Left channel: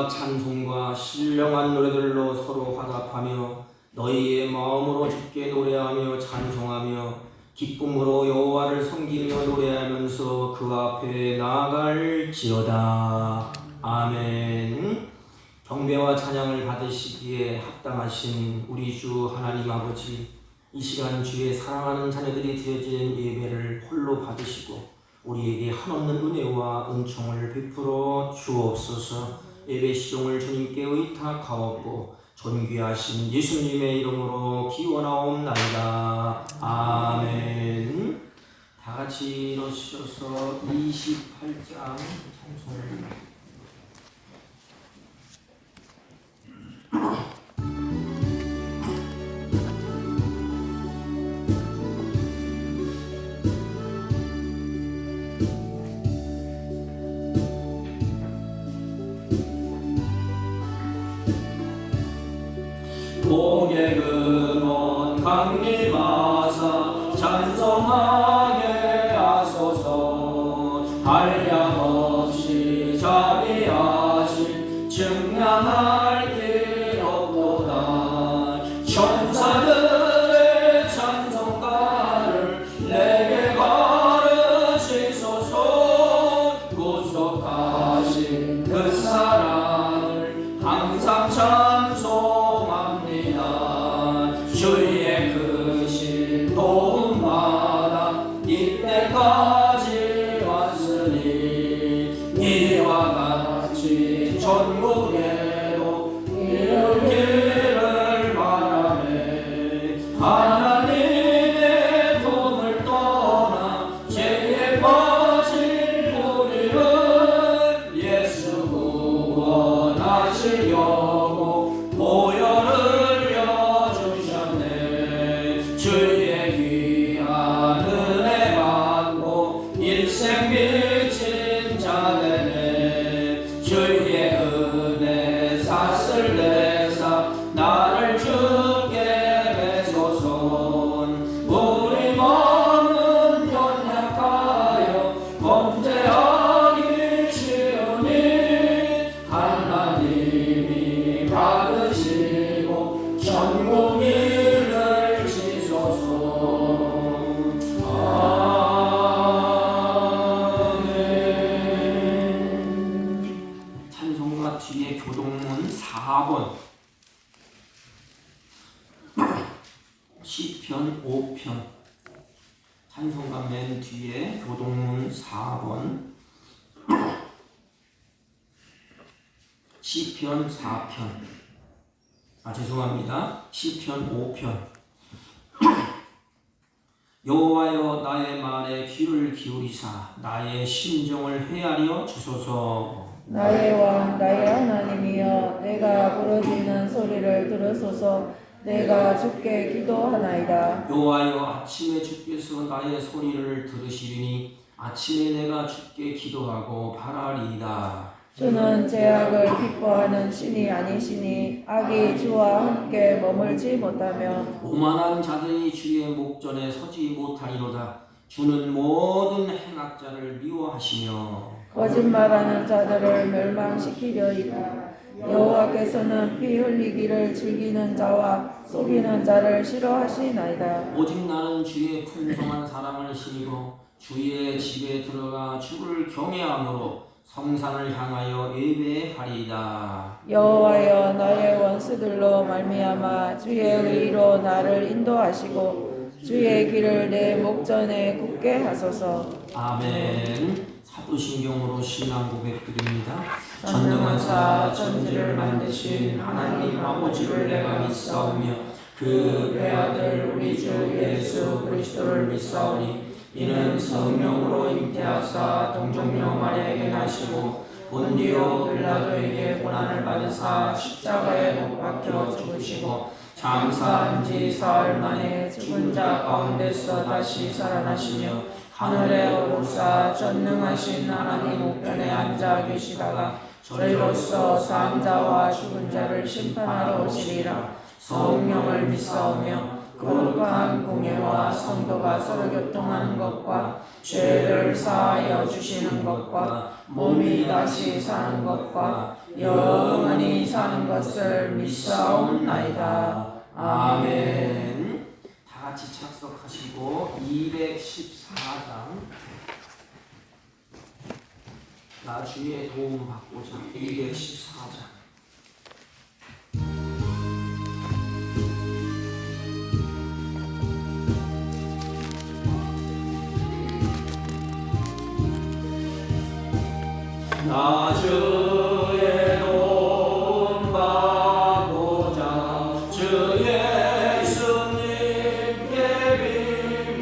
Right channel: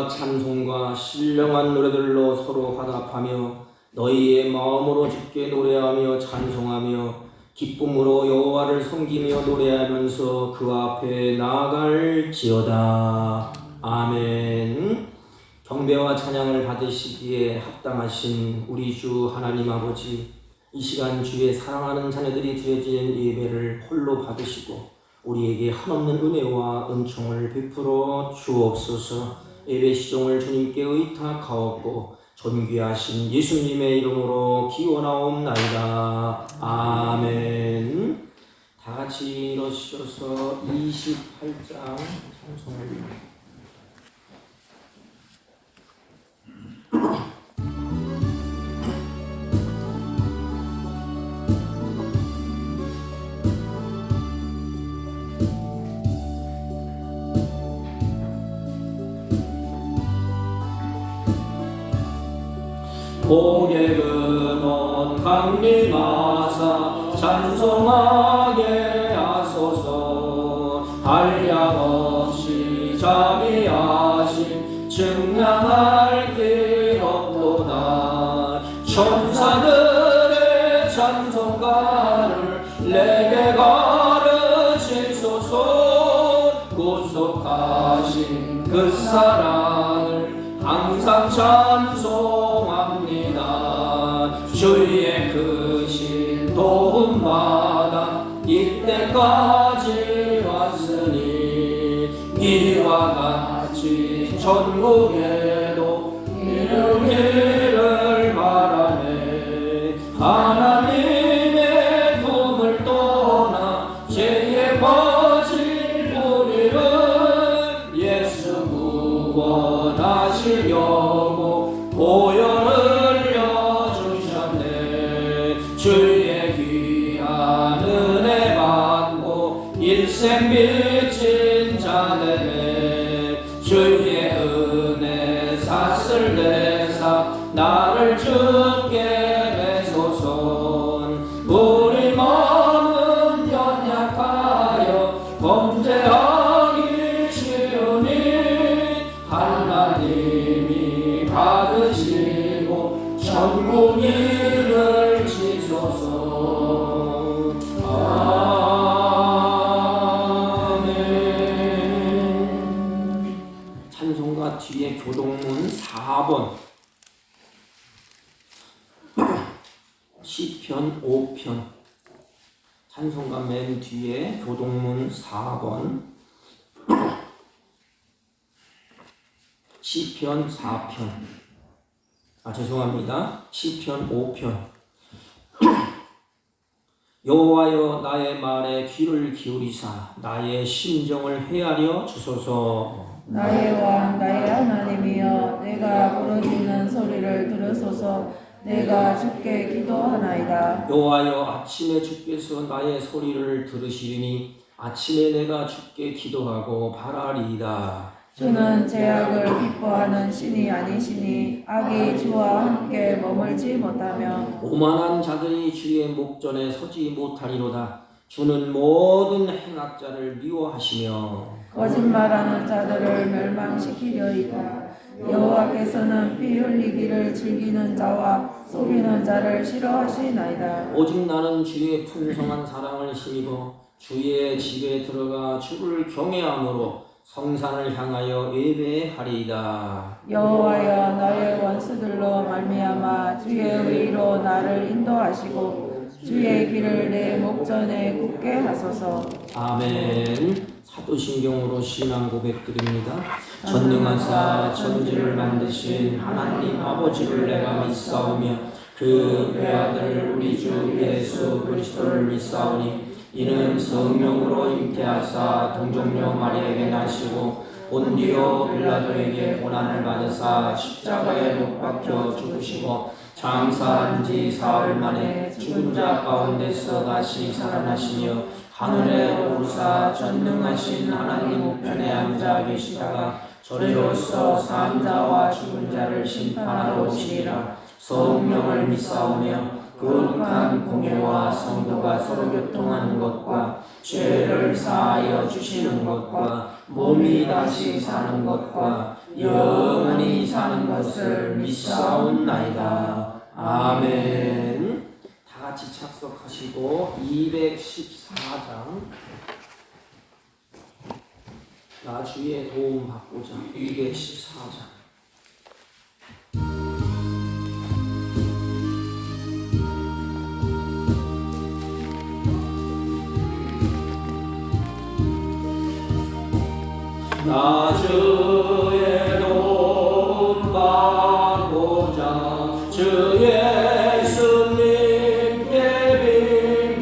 기쁨과 찬송과 신령한 노래들로 서로 화답하며 너희의 마음으로 주께 노래하며 찬송하며 기쁨으로 여호와를 섬기며 노래하면서 그 앞에 나아갈지어다. 아멘. 경배와 찬양을 받으시기에 합당하신 우리 주 하나님 아버지, 이 시간 주의 사랑하는 자녀들이 드려진 예배를 홀로 받으시고 우리에게 한없는 은혜와 은총을 베풀어 주옵소서. 예배 시종을 주님께 의탁하옵고 존귀하신 예수님의 이름으로 기원하옵나이다. 아멘. 다 같이 일어서셔서 28장 찬송을 고객은 온 강림하사 찬송하게 하소서. 한량없이 자비하신 증량할 길 없도다. 천사들의 찬송가를 내게 가르치소서. 구속하신 그 사랑을 항상 주의 크신 도움마다 이때까지 왔으니 이와 같이 천국에도 이르기를 바라네. 하나님의 품을 떠나 죄에 빠진 우리를 예수 구원하시려고 보혈을 주의 귀한 은혜 받고 일생 미친 자 되네. 주의 은혜 샀을 내사 나를 주께 매소선. 우리 마음은 연약하여 범죄하기 쉬우니 하나님이 받으시고 천국이 뒤에 교동문 4번 시편 5편 찬송가 맨 뒤에 교동문 4번 시편 4편 죄송합니다. 시편 5편 여호와여 나의 말에 귀를 기울이사 나의 심정을 헤아려 주소서. 나의 왕 나의 하나님이여 내가 부르짖는 소리를 들으소서. 내가 주께 기도하나이다. 여호와여 아침에 주께서 나의 소리를 들으시리니 아침에 내가 주께 기도하고 바라리이다. 주는 죄악을 기뻐하는 신이 아니시니 악이 주와 함께 머물지 못하며 오만한 자들이 주의 목전에 서지 못하리로다. 주는 모든 행악자를 미워하시며 거짓말하는 자들을 멸망시키려이다. 여호와께서는 피 흘리기를 즐기는 자와 속이는 자를 싫어하시나이다. 오직 나는 주의 풍성한 사랑을 힘입어 주의 집에 들어가 주를 경외함으로 성산을 향하여 예배하리이다. 여호와여 나의 원수들로 말미암아 주의 의로 나를 인도하시고 주의 길을 내 목전에 굳게 하소서. 아멘. 사도신경으로 신앙 고백드립니다. 전능하사 천지를 만드신 하나님 아버지를 내가 믿사오며 그 외아들 우리 주 예수 그리스도를 믿사오니 이는 성령으로 잉태하사 동정녀 마리아에게 나시고 본디오 빌라도에게 고난을 받으사 십자가에 못 박혀 죽으시고 장사한 지 사흘 만에 죽은 자 가운데서 다시 살아나시며 하늘에 오르사 전능하신 하나님 우편에 앉아 계시다가 저리로서 산 자와 죽은 자를 심판하러 오시리라. 성령을 믿사오며 거룩한 공예와 성도가 서로 교통하는 것과 죄를 사하여 주시는 것과 몸이 다시 사는 것과 영원히 사는 것을 믿사옵나이다. 아멘. 다 같이 착석하시고 214장 나 주의 도움 받고자 214장 나 주의 도움 받고자 주 예수님께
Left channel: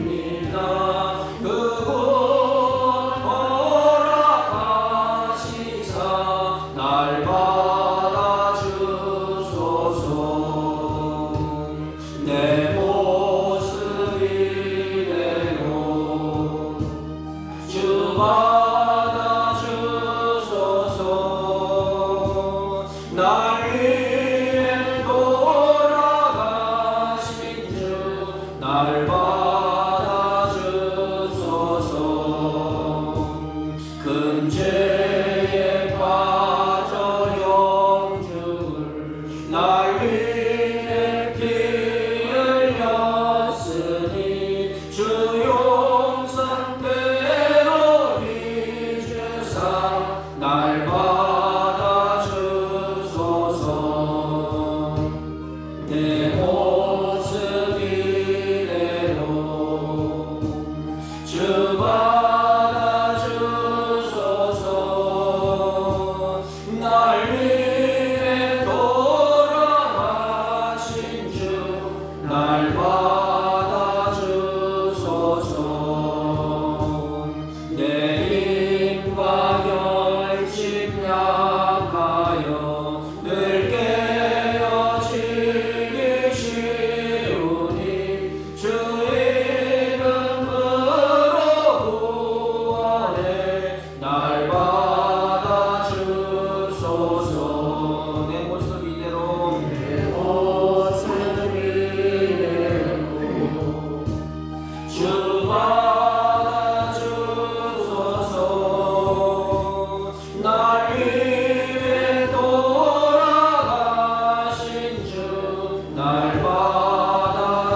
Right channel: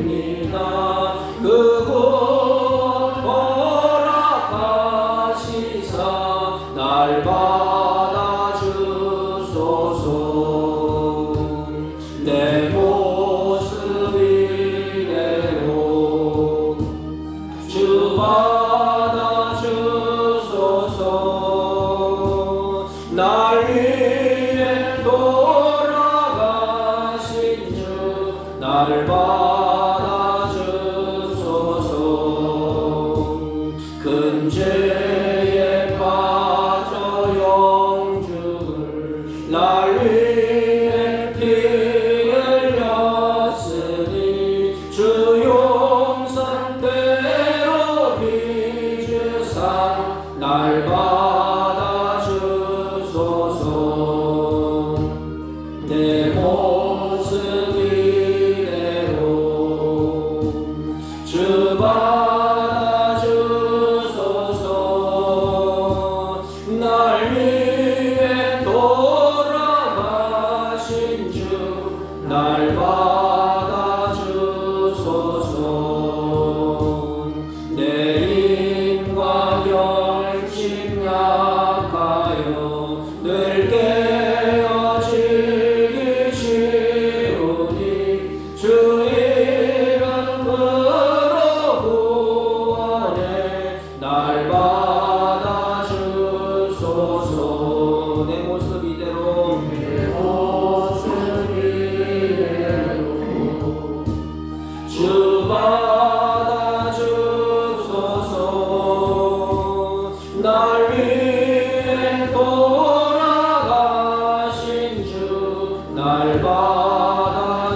빕니다. 그곳 허락하시사 날 받아주소서. 내 모습 이대로 주 날 위해 돌아가신 주 나를 받아주소서. 큰 죄에 빠져 영주를 날 위해 피 흘렸으니 주 용산대로 빚으사 날 내 모습 이대로 주 받아주소서. 날 위해 돌아가신 주 날 받아주소서. 내 힘과 열심 약하여 늘 깨어지기 쉬우니 주 이름으로 구원해 날 받아주소서. 내 모습 이대로 주 받아주소서. 날 위해 돌아가신 주 날 받아주소서.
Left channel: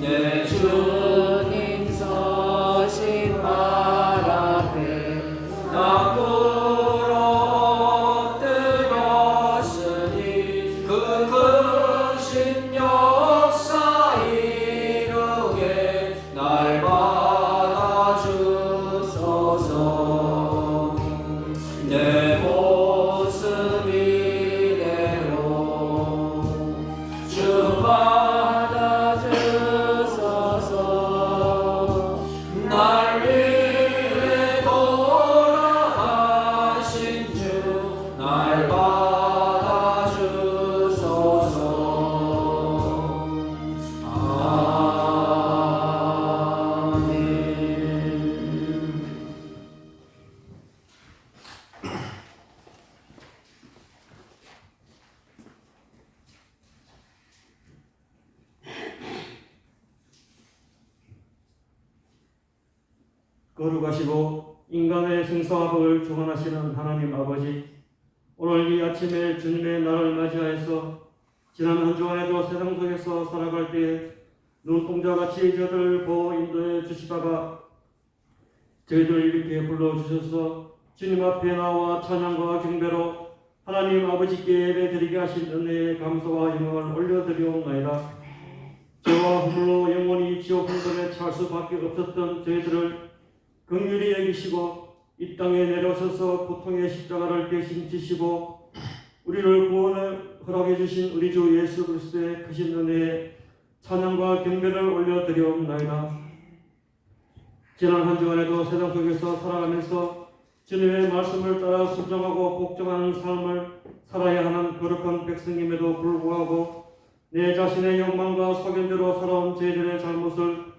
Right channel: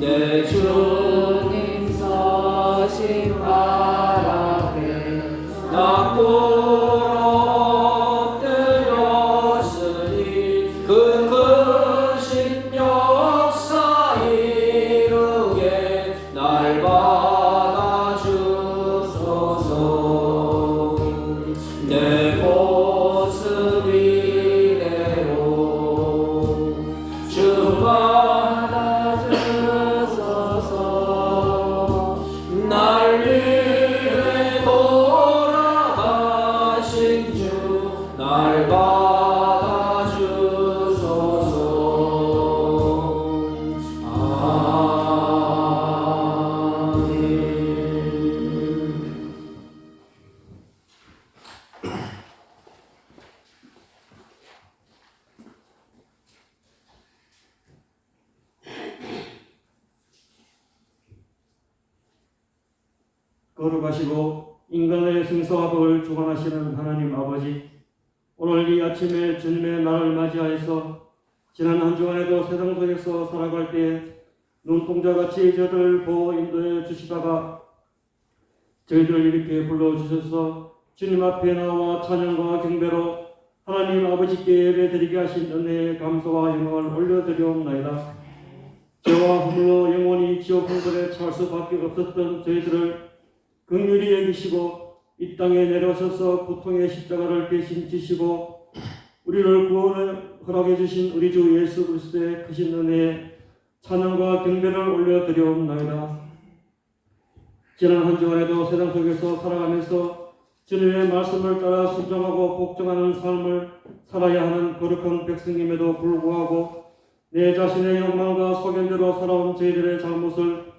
내 주님 서신 발 앞에 나 꿇어 엎드렸으니 그 크신 역사 이루게 날 받아주소서. 내 모습 이대로 주 받아주소서. 날 위해 돌아가신 주 날 받아주소서. 아멘. 거룩하시고 인간의 생사와 법을 주관하시는 하나님 아버지, 오늘 이 아침에 주님의 날을 맞이하여서 지난 한 주간에도 세상 속에서 살아갈 때에 눈동자같이 저희들을 보호 인도해 주시다가 저희들을 이렇게 불러주셔서 주님 앞에 나와 찬양과 경배로 하나님 아버지께 예배드리게 하신 은혜에 감사와 영광을 올려드리옵나이다. 죄와 허물로 영원히 지옥 불굴에 찰 수밖에 없었던 저희들을 긍휼히 여기시고 이 땅에 내려오셔서 고통의 십자가를 대신 지시고 우리를 구원을 허락해 주신 우리 주 예수 그리스도의 크신 은혜에 찬양과 경배를 올려드리옵나이다. 지난 한 주간에도 세상 속에서 살아가면서 주님의 말씀을 따라 순종하고 복종하는 삶을 살아야 하는 거룩한 백성임에도 불구하고 내 자신의 욕망과 소견대로 살아온 저희들의 잘못을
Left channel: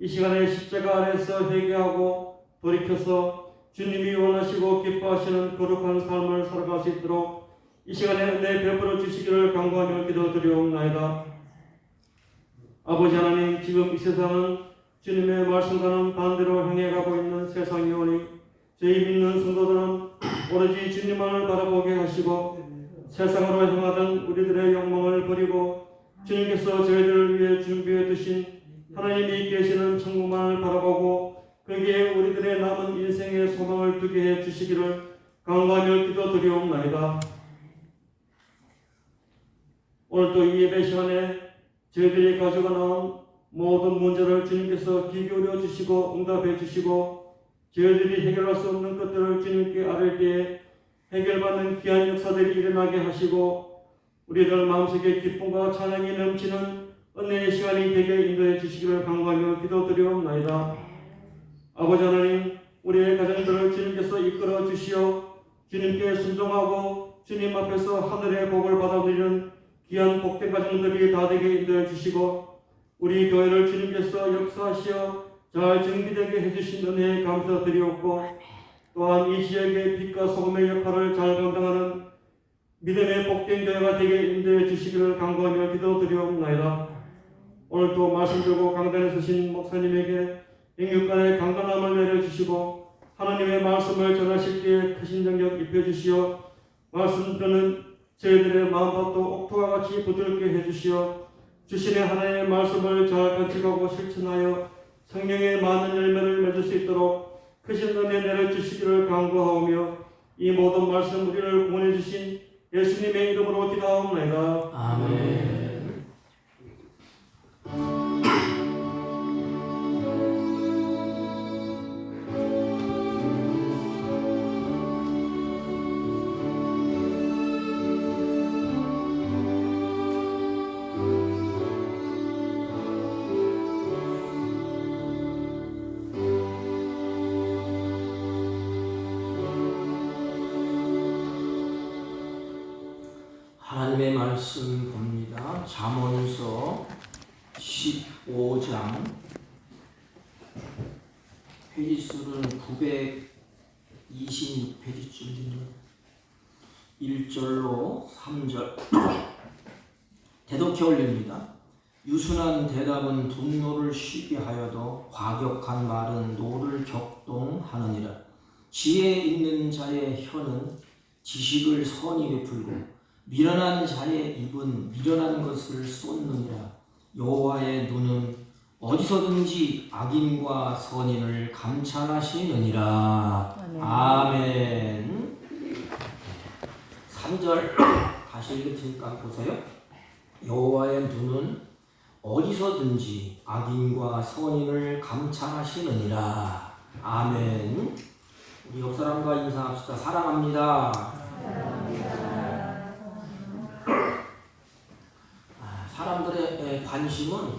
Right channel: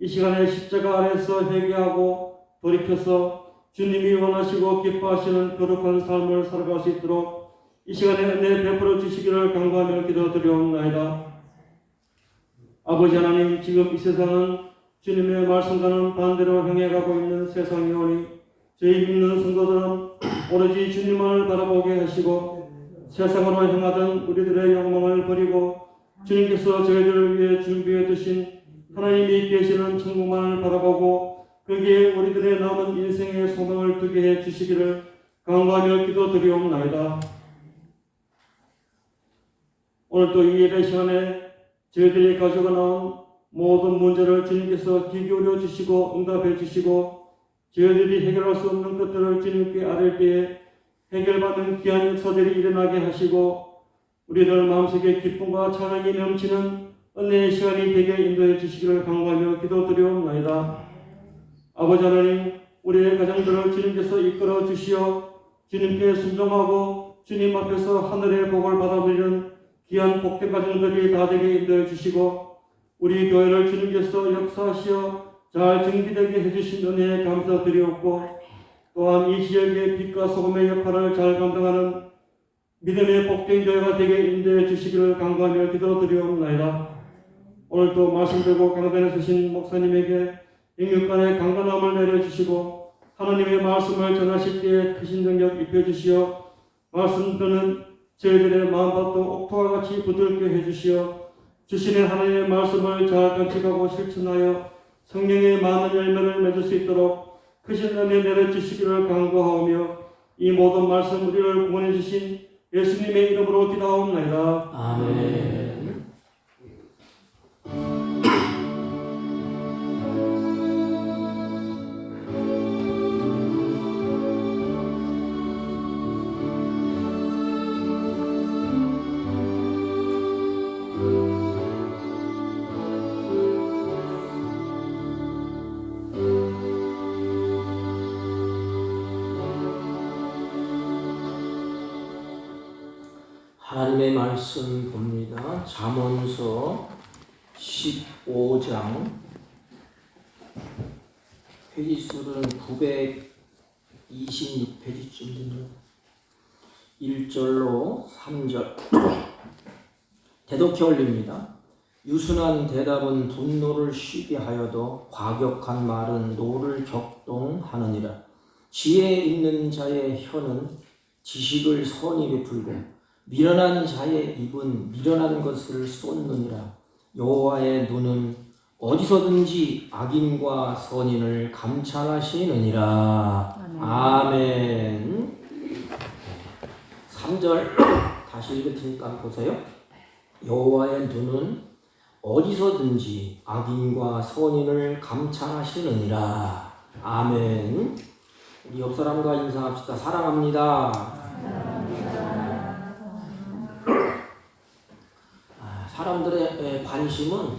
이 시간에 십자가 아래에서 회개하고 돌이켜서 주님이 원하시고 기뻐하시는 거룩한 삶을 살아갈 수 있도록 이 시간에 은혜 베풀어 주시기를 간구하며 기도드리옵나이다. 아버지 하나님, 지금 이 세상은 주님의 말씀과는 반대로 향해 가고 있는 세상이오니 저희 믿는 성도들은 오로지 주님만을 바라보게 하시고 세상으로 향하던 우리들의 욕망을 버리고 주님께서 저희들을 위해 준비해 두신 하나님이 계시는 천국만을 바라보고 거기에 우리들의 남은 인생의 소망을 두게 해 주시기를 간구하며 기도드리옵나이다. 오늘도 이 예배 시간에 저희들이 가지고 나온 모든 문제를 주님께서 귀 기울여 주시고 응답해 주시고 저희들이 해결할 수 없는 것들을 주님께 아뢰 때에 해결받는 귀한 역사들이 일어나게 하시고 우리들 마음속에 기쁨과 찬양이 넘치는 은혜의 시간이 되게 인도해 주시기를 간구하며 기도드리옵나이다. 아버지 하나님, 우리의 가정들을 주님께서 이끌어 주시어 주님께 순종하고 주님 앞에서 하늘의 복을 받아들이는 귀한 복된 가정들이 다 되게 인도해 주시고 우리 교회를 주님께서 역사하시어 잘 정비되게 해주신 은혜에 감사드리옵고 또한 이 지역의 빛과 소금의 역할을 잘 감당하는 믿음의 복된 교회가 되게 인도해 주시기를 간구하며 기도드리옵나이다. 오늘도 말씀 들고 강단에 서신 목사님에게 영육간의 강건함을 내려주시고 하나님의 말씀을 전하실 때에 크신 능력 입혀주시어 말씀 듣는 저희들의 마음밭도 옥토와 같이 부드럽게 해주시어 주신의 하나님의 말씀을 잘 간직하고 실천하여 성령의 많은 열매를 맺을 수 있도록 크신 은혜 내려주시기를 간구하오며 이 모든 말씀 우리를 구원해 주신 예수님의 이름으로 기도하옵나이다. 아멘. 하나님의 말씀 봅니다. 잠언서 15장 페이지수는 926페이지쯤 되는 1절로 3절 대독해 올립니다. 유순한 대답은 분노를 쉬게 하여도 과격한 말은 노를 격동하느니라. 지혜 있는 자의 혀는 지식을 선히 베풀고 미련한 자의 입은 미련한 것을 쏟느니라. 여호와의 눈은 어디서든지 악인과 선인을 감찰하시느니라. 아멘. 3절 다시 읽으니까 보세요. 여호와의 눈은 어디서든지 악인과 선인을 감찰하시느니라. 아멘. 우리 옆 사람과 인사합시다. 사랑합니다. 사람들의 관심은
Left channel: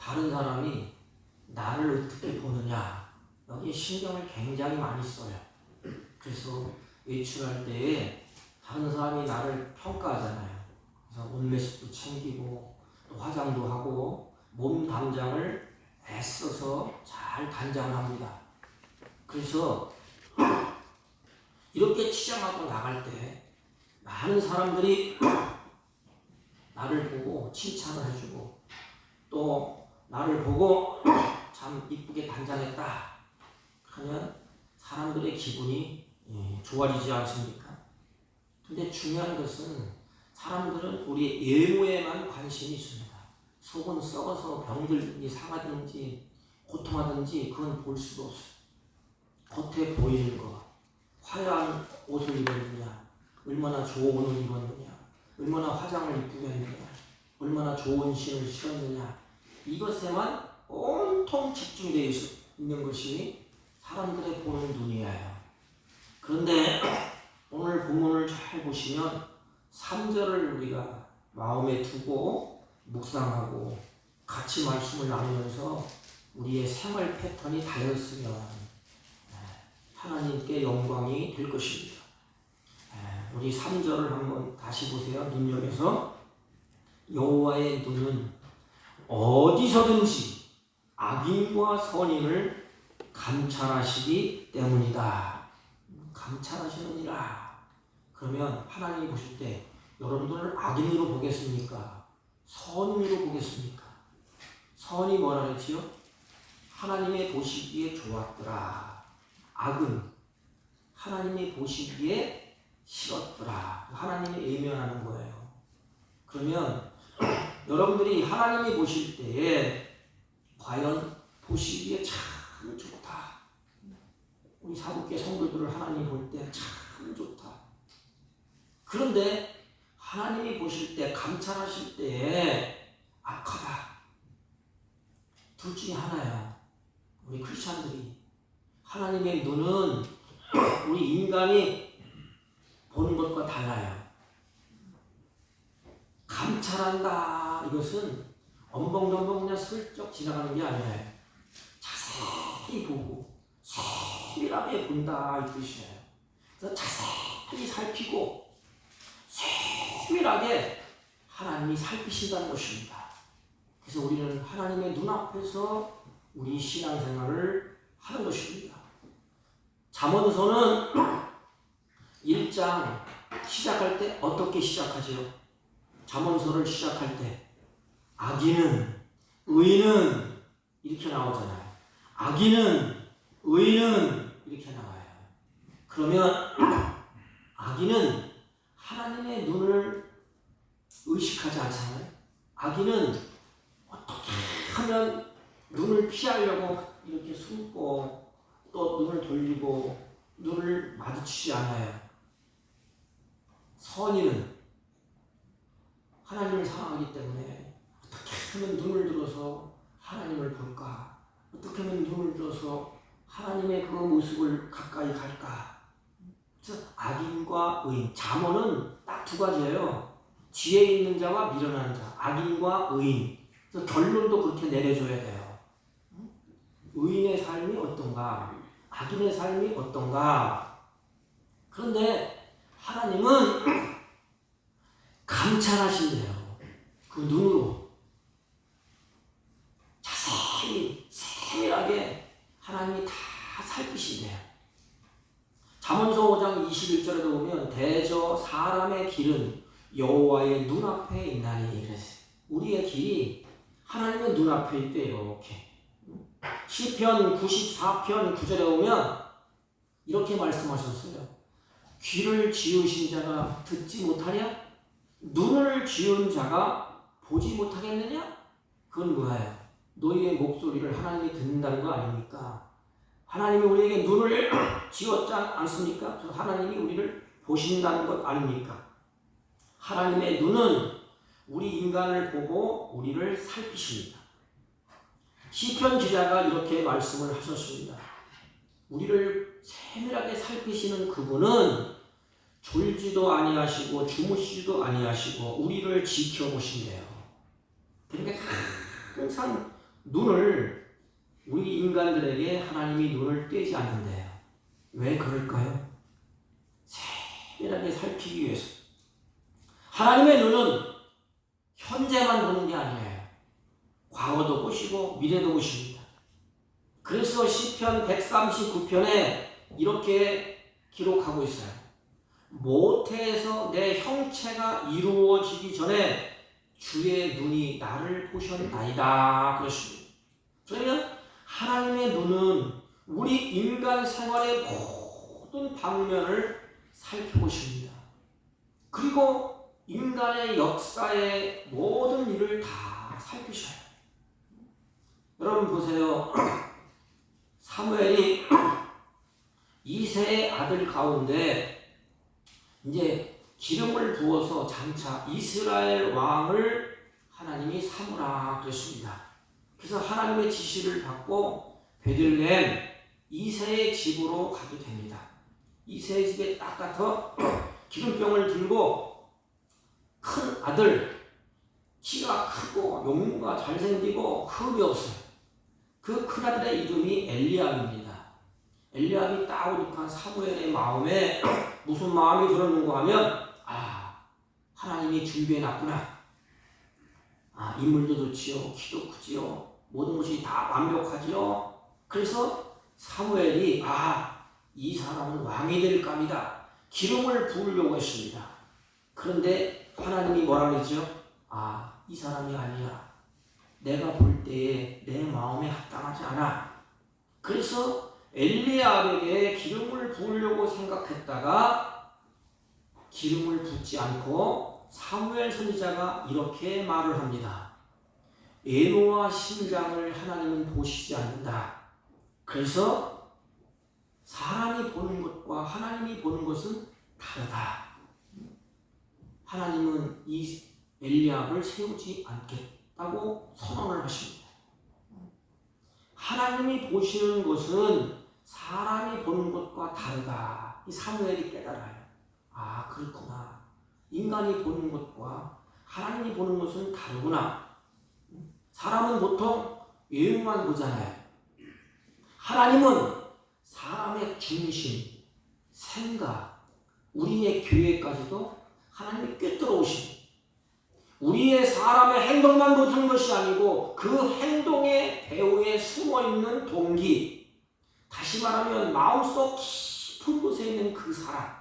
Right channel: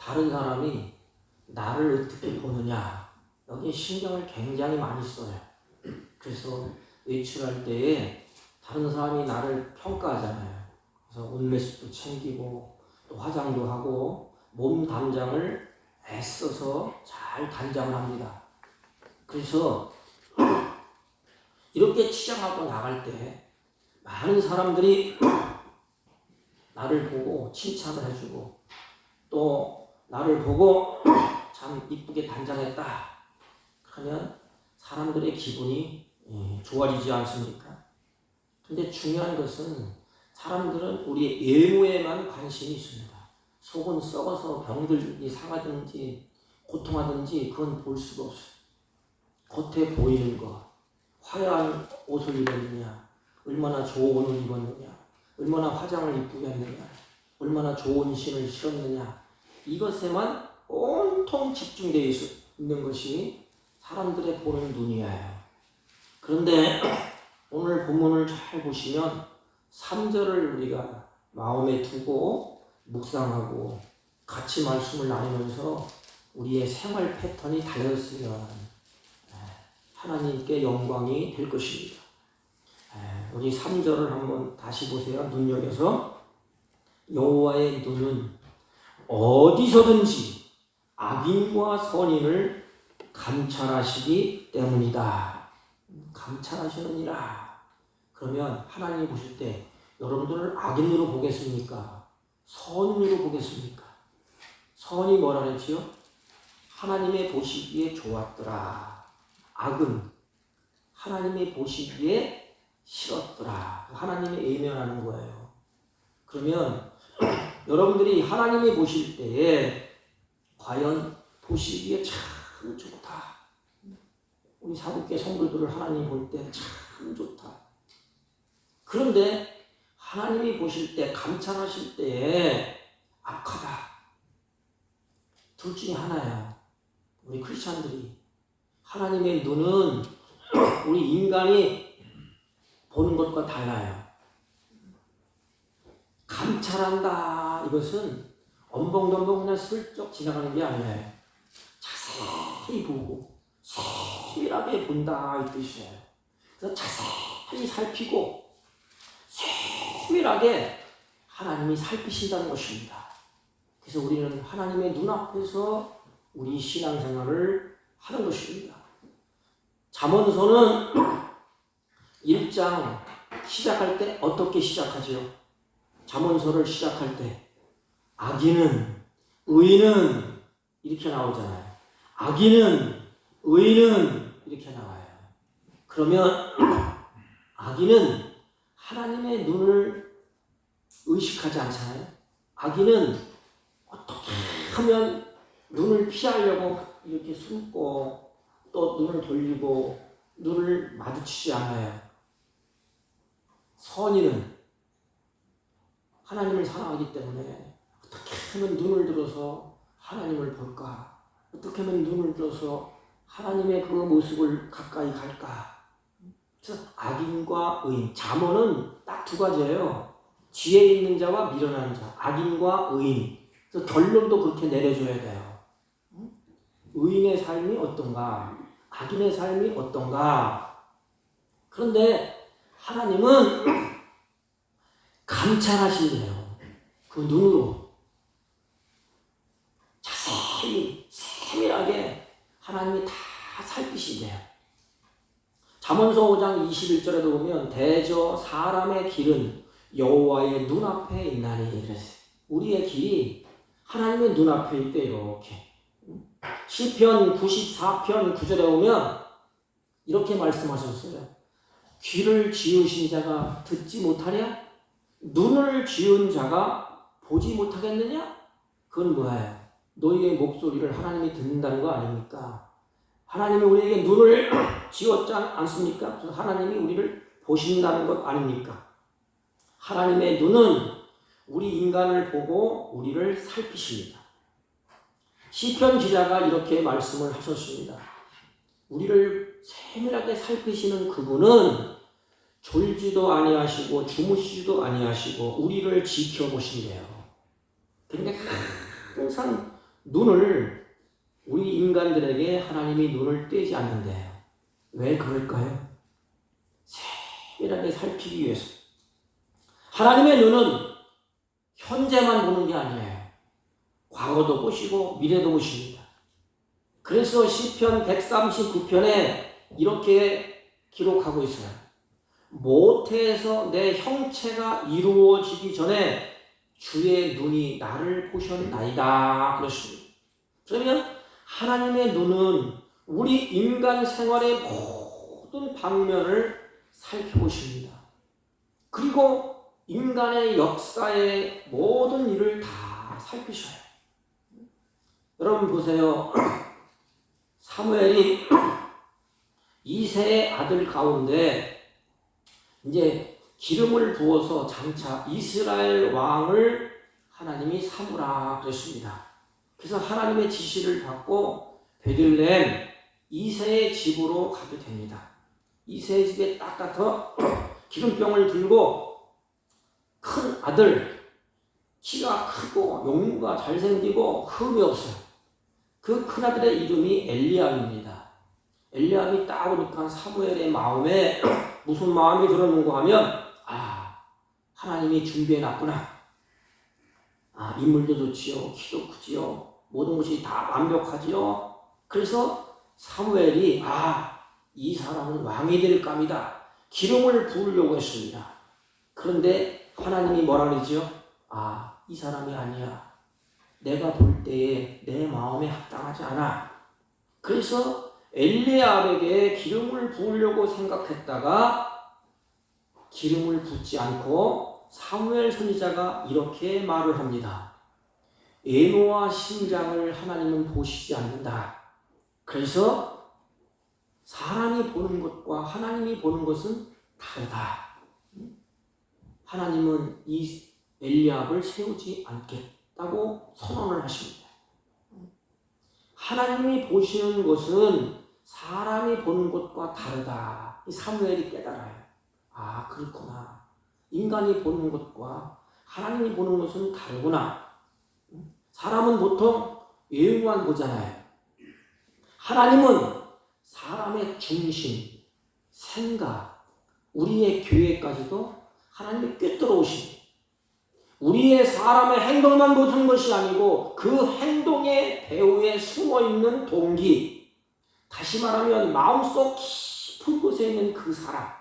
다른 사람이 나를 어떻게 보느냐 여기 신경을 굉장히 많이 써요. 그래서 외출할 때에 다른 사람이 나를 평가하잖아요. 그래서 옷매식도 챙기고 또 화장도 하고 몸 단장을 애써서 잘 단장을 합니다. 그래서 이렇게 치장하고 나갈 때 많은 사람들이 나를 보고 칭찬을 해주고 또 나를 보고 참 이쁘게 단장했다 하면 사람들의 기분이 좋아지지 않습니까? 근데 중요한 것은 사람들은 우리의 외모에만 관심이 있습니다. 속은 썩어서 병들이 상하든지 고통하든지 그건 볼 수가 없어요. 겉에 보이는 거, 화려한 옷을 입었느냐, 얼마나 좋은 옷을 입었느냐, 얼마나 화장을 이쁘게 했느냐, 얼마나 좋은 신을 신었느냐, 이것에만 온통 집중되어 있는 것이 사람들의 보는 눈이에요. 그런데 오늘 본문을 잘 보시면 3절을 우리가 마음에 두고 묵상하고 같이 말씀을 나누면서 우리의 생활 패턴이 달라졌으면 하나님께 영광이 될 것입니다. 우리 3절을 한번 다시 보세요. 눈여겨서 여호와의 눈은 어디서든지 악인과 선인을 감찰하시기 때문이다. 감찰하시느니라. 그러면 하나님이 보실 때 여러분들을 악인으로 보겠습니까? 선인으로 보겠습니까? 선이 뭐라 그랬지요? 하나님의 보시기에 좋았더라. 악은 하나님이 보시기에 싫었더라. 하나님이 외면하는 거예요. 그러면 여러분들이 하나님이 보실 때에 과연 보시기에 참 좋다. 우리 사국계 성도들을 하나님 볼 때 참 좋다. 그런데 하나님이 보실 때, 감찰하실 때에 악하다. 둘 중에 하나예요. 우리 크리스찬들이 하나님의 눈은 우리 인간이 보는 것과 달라요. 감찰한다. 이것은 엄벙덤벙 그냥 슬쩍 지나가는 게 아니에요. 자세히 보고 세밀하게 본다 이 뜻이에요. 그래서 자세히 살피고 세밀하게 하나님이 살피신다는 것입니다. 그래서 우리는 하나님의 눈앞에서 우리 신앙생활을 하는 것입니다. 잠언서는 1장 시작할 때 어떻게 시작하지요? 잠언서를 시작할 때 악인은 의인은 이렇게 나오잖아요. 악인은 의인은 이렇게 나와요. 그러면 악인은 하나님의 눈을 의식하지 않잖아요. 악인은 어떻게 하면 눈을 피하려고 이렇게 숨고 또 눈을 돌리고 눈을 마주치지 않아요. 선인은 하나님을 사랑하기 때문에 어떻게 하면 눈을 들어서 하나님을 볼까? 어떻게 하면 눈을 들어서 하나님의 그 모습을 가까이 갈까? 그래서 악인과 의인, 잠언은 딱 두 가지예요. 지혜 있는 자와 미련한 자, 악인과 의인. 그래서 결론도 그렇게 내려줘야 돼요. 의인의 삶이 어떤가? 악인의 삶이 어떤가? 그런데 하나님은 감찰하신대요. 그 눈으로 자세히 세밀하게 하나님이 다 살피신대요. 잠언서 5장 21절에도 보면 대저 사람의 길은 여호와의 눈앞에 있나니 그랬어요. 우리의 길이 하나님의 눈앞에 있대. 이렇게 시편 94편 9절에 보면 이렇게 말씀하셨어요. 귀를 지으신 자가 듣지 못하냐? 눈을 지은 자가 보지 못하겠느냐? 그건 뭐예요? 너희의 목소리를 하나님이 듣는다는 거 아닙니까? 하나님이 우리에게 눈을 지었지 않습니까? 하나님이 우리를 보신다는 것 아닙니까? 하나님의 눈은 우리 인간을 보고 우리를 살피십니다. 시편 기자가 이렇게 말씀을 하셨습니다. 우리를 세밀하게 살피시는 그분은 졸지도 아니하시고 주무시지도 아니하시고 우리를 지켜보신대요. 그러니까 항상 눈을 우리 인간들에게 하나님이 눈을 떼지 않는데요. 왜 그럴까요? 세밀하게 살피기 위해서. 하나님의 눈은 현재만 보는 게 아니에요. 과거도 보시고 미래도 보십니다. 그래서 시편 139편에 이렇게 기록하고 있어요. 모태에서 내 형체가 이루어지기 전에 주의 눈이 나를 보셨나이다. 그렇습니다. 그러면 하나님의 눈은 우리 인간 생활의 모든 방면을 살펴보십니다. 그리고 인간의 역사의 모든 일을 다 살피셔요. 여러분 보세요. 사무엘이 이새의 아들 가운데 이제 기름을 부어서 장차 이스라엘 왕을 하나님이 삼으라 그랬습니다. 그래서 하나님의 지시를 받고 베들레헴 이새의 집으로 가게 됩니다. 이새의 집에 딱 가서 기름병을 들고 큰 아들, 키가 크고 용모가 잘생기고 흠이 없어요. 그 큰 아들의 이름이 엘리압입니다. 엘리압이 딱 오니까 사무엘의 마음에 무슨 마음이 들었는가 하면 하나님이 준비해놨구나. 인물도 좋지요. 키도 크지요. 모든 것이 다 완벽하지요. 그래서 사무엘이 이 사람은 왕이 될 감이다. 기름을 부으려고 했습니다. 그런데 하나님이 뭐라 그러죠? 이 사람이 아니야. 내가 볼 때에 내 마음에 합당하지 않아. 그래서 엘리압에게 기름을 부으려고 생각했다가 기름을 붓지 않고 사무엘 선지자가 이렇게 말을 합니다. 애노와 심장을 하나님은 보시지 않는다. 그래서 사람이 보는 것과 하나님이 보는 것은 다르다. 하나님은 이 엘리압을 세우지 않겠다고 선언을 하십니다. 하나님이 보시는 것은 사람이 보는 것과 다르다. 이 사무엘이 깨달아요. 아, 그렇구나. 인간이 보는 것과 하나님이 보는 것은 다르구나. 사람은 보통 외형만 보잖아요. 하나님은 사람의 중심, 생각, 우리의 교회까지도 하나님이 꿰뚫어오시고 우리의 사람의 행동만 보는 것이 아니고 그 행동의 배후에 숨어있는 동기, 다시 말하면 마음속 깊은 곳에 있는 그 사람,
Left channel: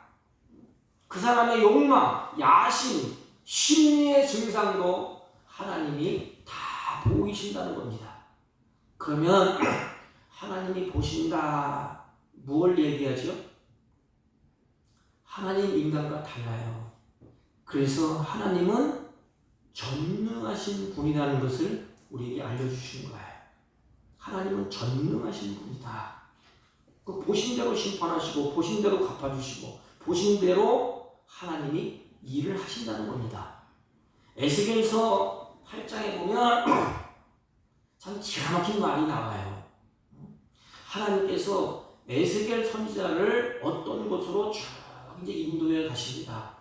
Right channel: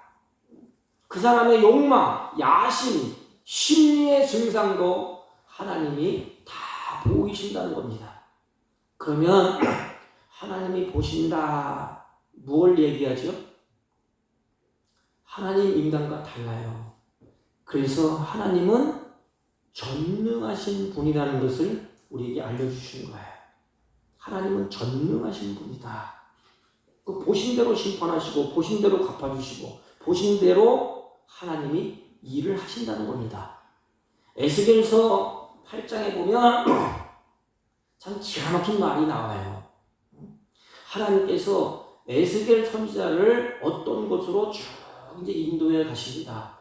그 사람의 욕망, 야심, 심리의 증상도 하나님이 다 보이신다는 겁니다. 그러면 하나님이 보신다, 뭘 얘기하죠? 하나님 인간과 달라요. 그래서 하나님은 전능하신 분이라는 것을 우리에게 알려주시는 거예요. 하나님은 전능하신 분이다. 그 보신 대로 심판하시고 보신 대로 갚아주시고 보신 대로 하나님이 일을 하신다는 겁니다. 에스겔서 8장에 보면 참 기가 막힌 말이 나와요. 하나님께서 에스겔 선지자를 어떤 곳으로 쭉 이제 인도에 가십니다.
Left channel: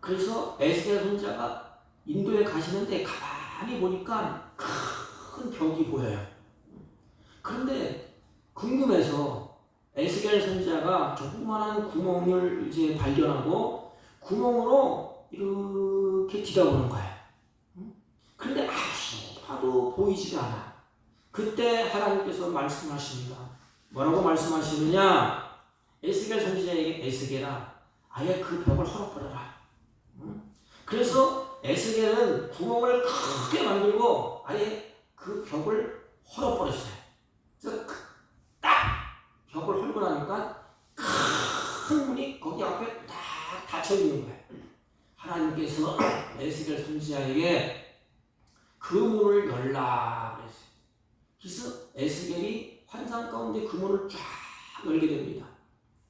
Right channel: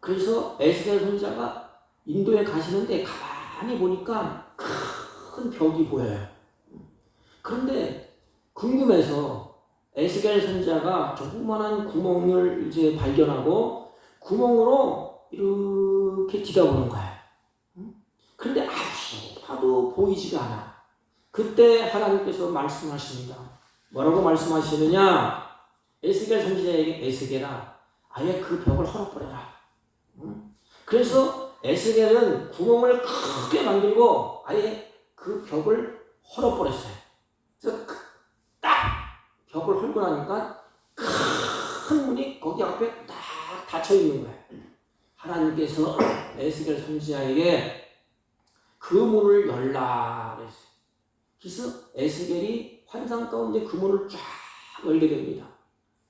그래서 에스겔 선지자가 인도에 가시는데 가만히 보니까 큰 벽이 보여요. 그런데 궁금해서 에스겔 선지자가 조그마한 구멍을 이제 발견하고 구멍으로 이렇게 들여다보는 거예요. 그런데 아무리 봐도 보이지가 않아. 그때 하나님께서 말씀하십니다. 뭐라고 말씀하시느냐? 에스겔 선지자에게 에스겔아, 아예 그 벽을 헐어버려라. 그래서 에스겔은 구멍을 크게 만들고 아예 그 벽을 헐어버렸어요. 그래서 딱 벽을 헐고 나니까 큰 문이 거기 앞에 딱 닫혀 있는 거예요. 하나님께서 에스겔 선지자에게 그 문을 열라 그랬어요. 그래서 에스겔이 환상 가운데 그 문을 쫙 열게 됩니다.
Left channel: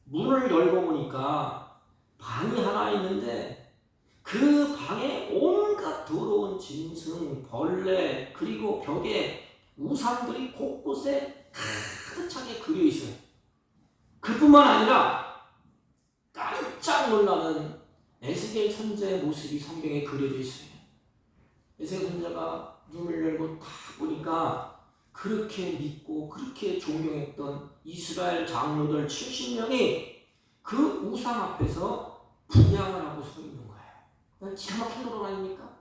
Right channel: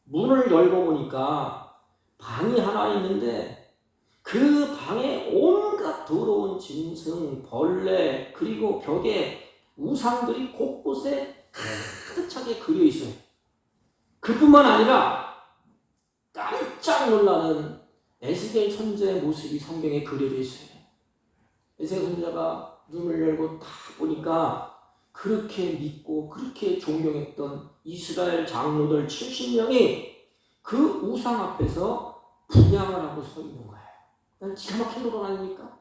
문을 열고 보니까 방이 하나 있는데 그 방에 온갖 더러운 짐승, 벌레, 그리고 벽에 우상들이 곳곳에 가득 차게 그려 있어요. 그뿐만 아니라 깜짝 놀라는 에스겔 선지자의 모습이 성경에 그려져 있어요. 에스겔 선지자가 눈을 열고 딱 보니까 그렇게 믿고 그렇게 존경했던 이스라엘 장로들 70명이 그 우상 앞에서 분향을 하고 서 있는 거예요. 기가 막힌 노릇 아닙니까?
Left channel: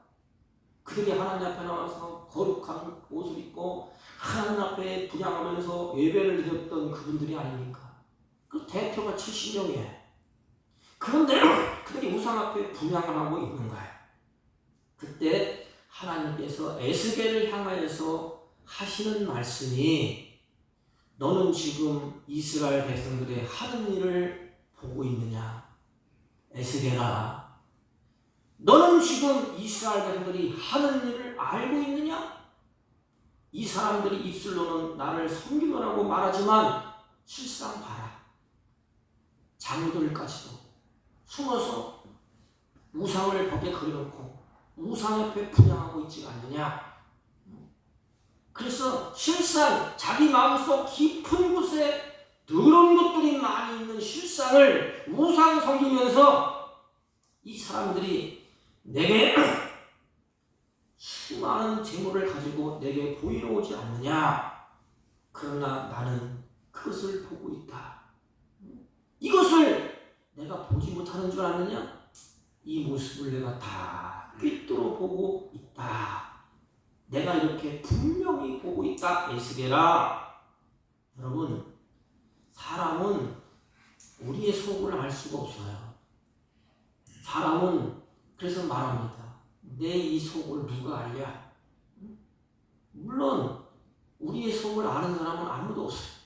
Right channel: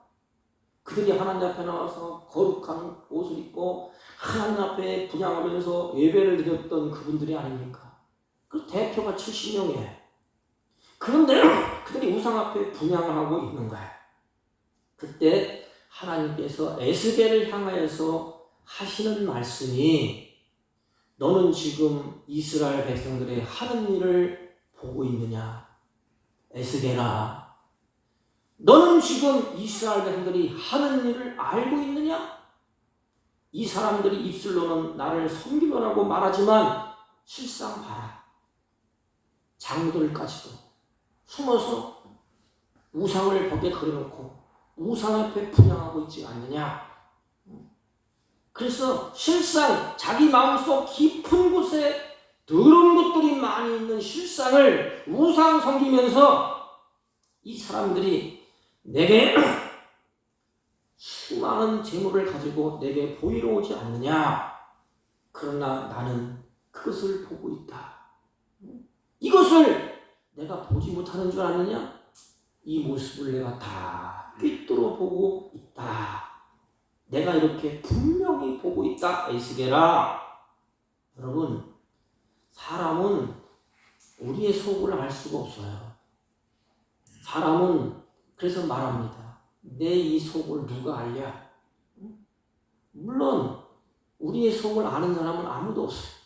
그들이 하나님 앞에 나와서 거룩한 옷을 입고 하나님 앞에 분향하면서 예배를 드렸던 그분들이 아닙니까? 그 대표가 70명이에요. 그런데 그들이 우상 앞에 분향을 하고 있는 거예요. 그때 하나님께서 에스겔을 향하여서 하시는 말씀이 너는 지금 이스라엘 백성들의 하는 일을 보고 있느냐? 에스겔아, 너는 지금 이스라엘 백성들이 하는 일을 알고 있느냐? 이 사람들이 입술로는 나를 섬기더라고 말하지만 실상 봐라. 장로들까지도 숨어서 우상을 벽에 그려놓고 우상 옆에 분향하고 있지 않느냐? 그래서 실상 자기 마음속 깊은 곳에 더러운 것들이 많이 있는 실상을 우상 섬기면서 이 사람들이 내게 수많은 재물을 가지고 내게 보이러 오지 않느냐? 그러나 나는 그것을 보고 있다. 이것을 내가 보지 못하는 줄 아느냐? 이 모습을 내가 다 꿰뚫어 보고 있다. 내가 이렇게 분명히 보고 있다. 에스겔아. 여러분, 사람은 우리의 속을 알 수가 없어요. 사람은 그래서 말합니다. 내 이 속을 누가 알랴? 물론 우리의 속을 아는 사람은 아무도 없어요.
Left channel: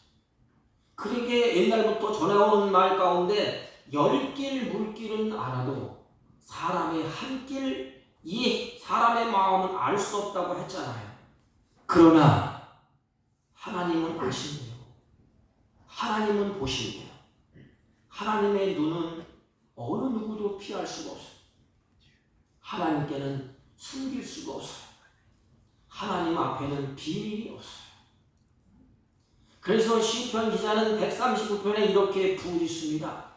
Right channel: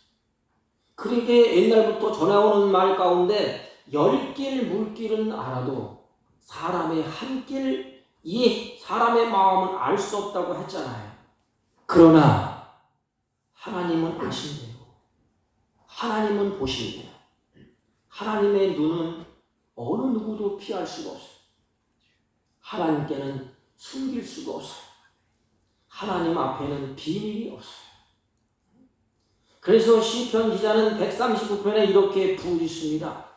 그렇게 옛날부터 전해오는 말 가운데 10길 물길은 알아도 사람의 한 길, 이 사람의 마음은 알 수 없다고 했잖아요. 그러나 하나님은 아신대요. 하나님은 보신대요. 하나님의 눈은 어느 누구도 피할 수가 없어요. 하나님께는 숨길 수가 없어요. 하나님 앞에는 비밀이 없어요. 그래서 시편 기자는 139편에 이렇게 부르짖습니다.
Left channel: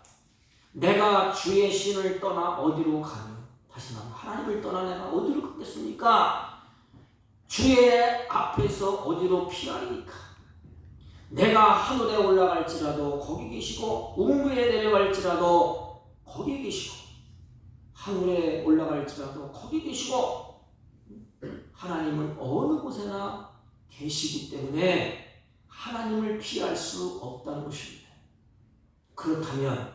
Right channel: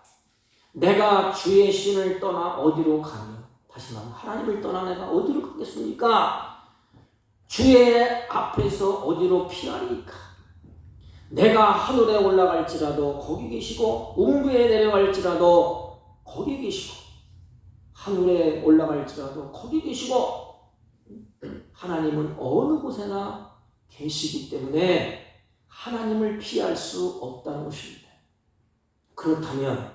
내가 주의 신을 떠나 어디로 가며, 다시 말하면 하나님을 떠나 내가 어디로 가겠습니까? 주의 앞에서 어디로 피하리까? 내가 하늘에 올라갈지라도 거기 계시고 음부에 내려갈지라도 거기 계시고 하늘에 올라갈지라도 거기 계시고 하나님은 어느 곳에나 계시기 때문에 하나님을 피할 수 없다는 것입니다. 그렇다면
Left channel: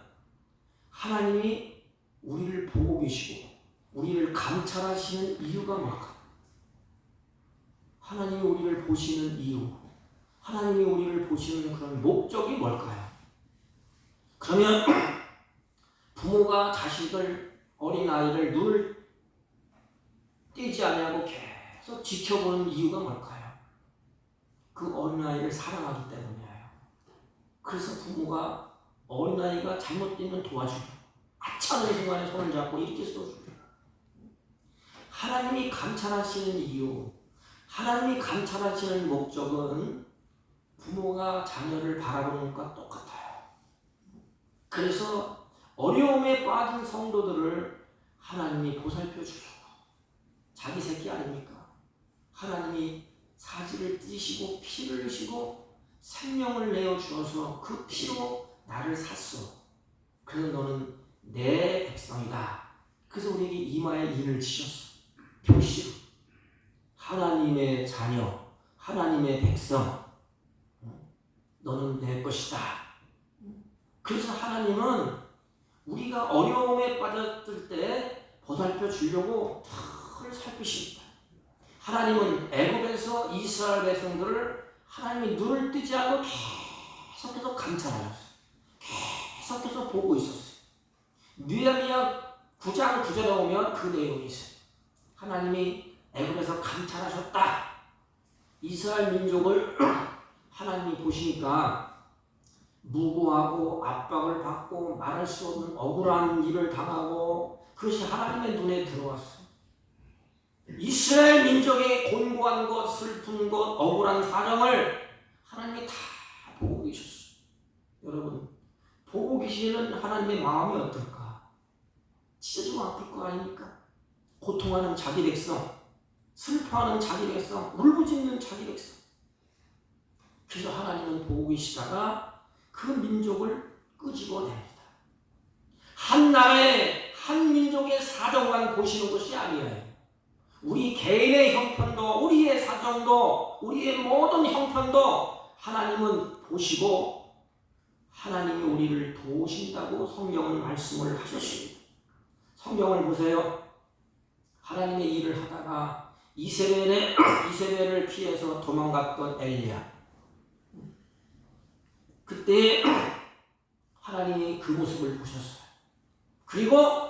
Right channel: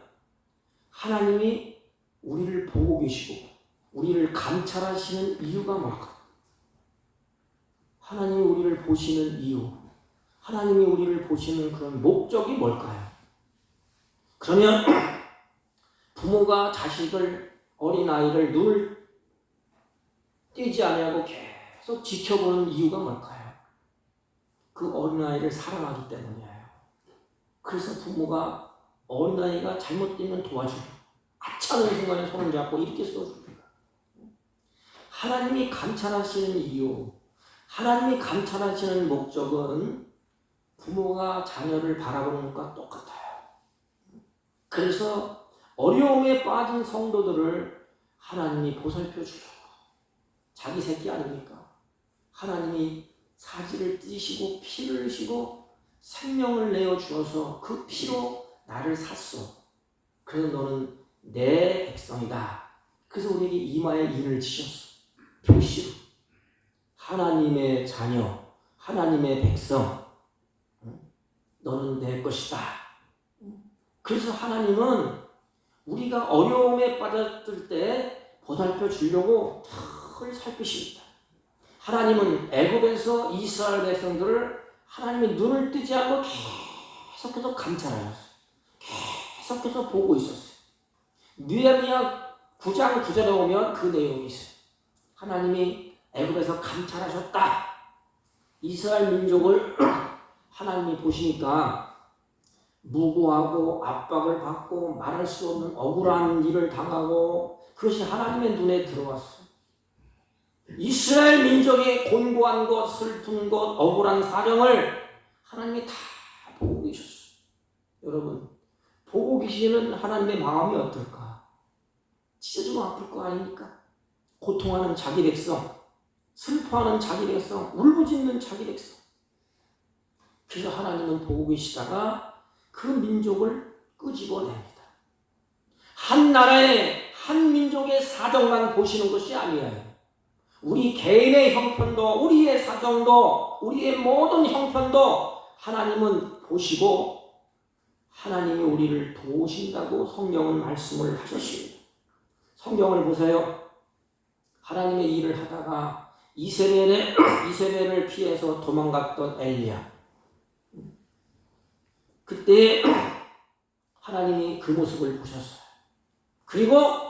하나님이 우리를 보고 계시고 우리를 감찰하시는 이유가 뭘까? 하나님이 우리를 보시는 이유, 하나님이 우리를 보시는 그런 목적이 뭘까요? 그러면 부모가 자식을, 어린아이를 눈을 떼지 아니하고 계속 지켜보는 이유가 뭘까요? 그 어린아이를 사랑하기 때문이에요. 그래서 부모가 어린아이가 잘못되면 도와주고 하찮은 순간에 손을 잡고 이렇게 써줍니다. 하나님이 감찰하시는 이유, 하나님이 감찰하시는 목적은 부모가 자녀를 바라보는 것과 똑같아요. 그래서 어려움에 빠진 성도들을 하나님이 보살펴 주려고, 자기 새끼 아닙니까? 하나님이 사지를 띠시고 피를 흘리시고 생명을 내어 주어서 그 피로 나를 샀어. 그래서 너는 내 백성이다. 그래서 우리에게 이마에 인을 지셨어. 표시로 하나님의 자녀, 하나님의 백성, 너는 내 것이다. 그래서 하나님은 우리가 어려움에 빠졌을 때 보살펴 주려고 늘 살피십니다. 하나님은 애굽에서 이스라엘 백성들을 하나님의 눈을 뜨지 않고 계속해서 감찰하셨어요. 계속해서 보고 있었어요. 느헤미야 9장 9절에 보면 그 내용이 있어요. 하나님이 애굽에서 감찰하셨다. 이스라엘 민족을 하나님이 보시니까 무고하고 압박을 받고 말할 수 없는 억울한 일을 당하고 그것이 하나님의 눈에 들어왔어요. 이스라엘 민족의 곤고한 것, 슬픈 것, 억울한 사정을 하나님이 다 보고 계셨어요. 여러분, 보고 계시는 하나님의 마음이 어떨까? 진짜 좀 아플 거 아닙니까? 고통하는 자기 백성, 슬퍼하는 자기 백성, 울부짖는 자기 백성. 그래서 하나님은 보고 계시다가 그 민족을 끄집어냅니다. 한 나라의 한 민족의 사정만 보시는 것이 아니에요. 우리 개인의 형편도, 우리의 사정도, 우리의 모든 형편도 하나님은 보시고 하나님이 우리를 도우신다고 성경은 말씀을 하셨습니다. 성경을 보세요. 하나님의 일을 하다가 이세벨을 피해서 도망갔던 엘리야. 그때 하나님이 그 모습을 보셨어요. 그리고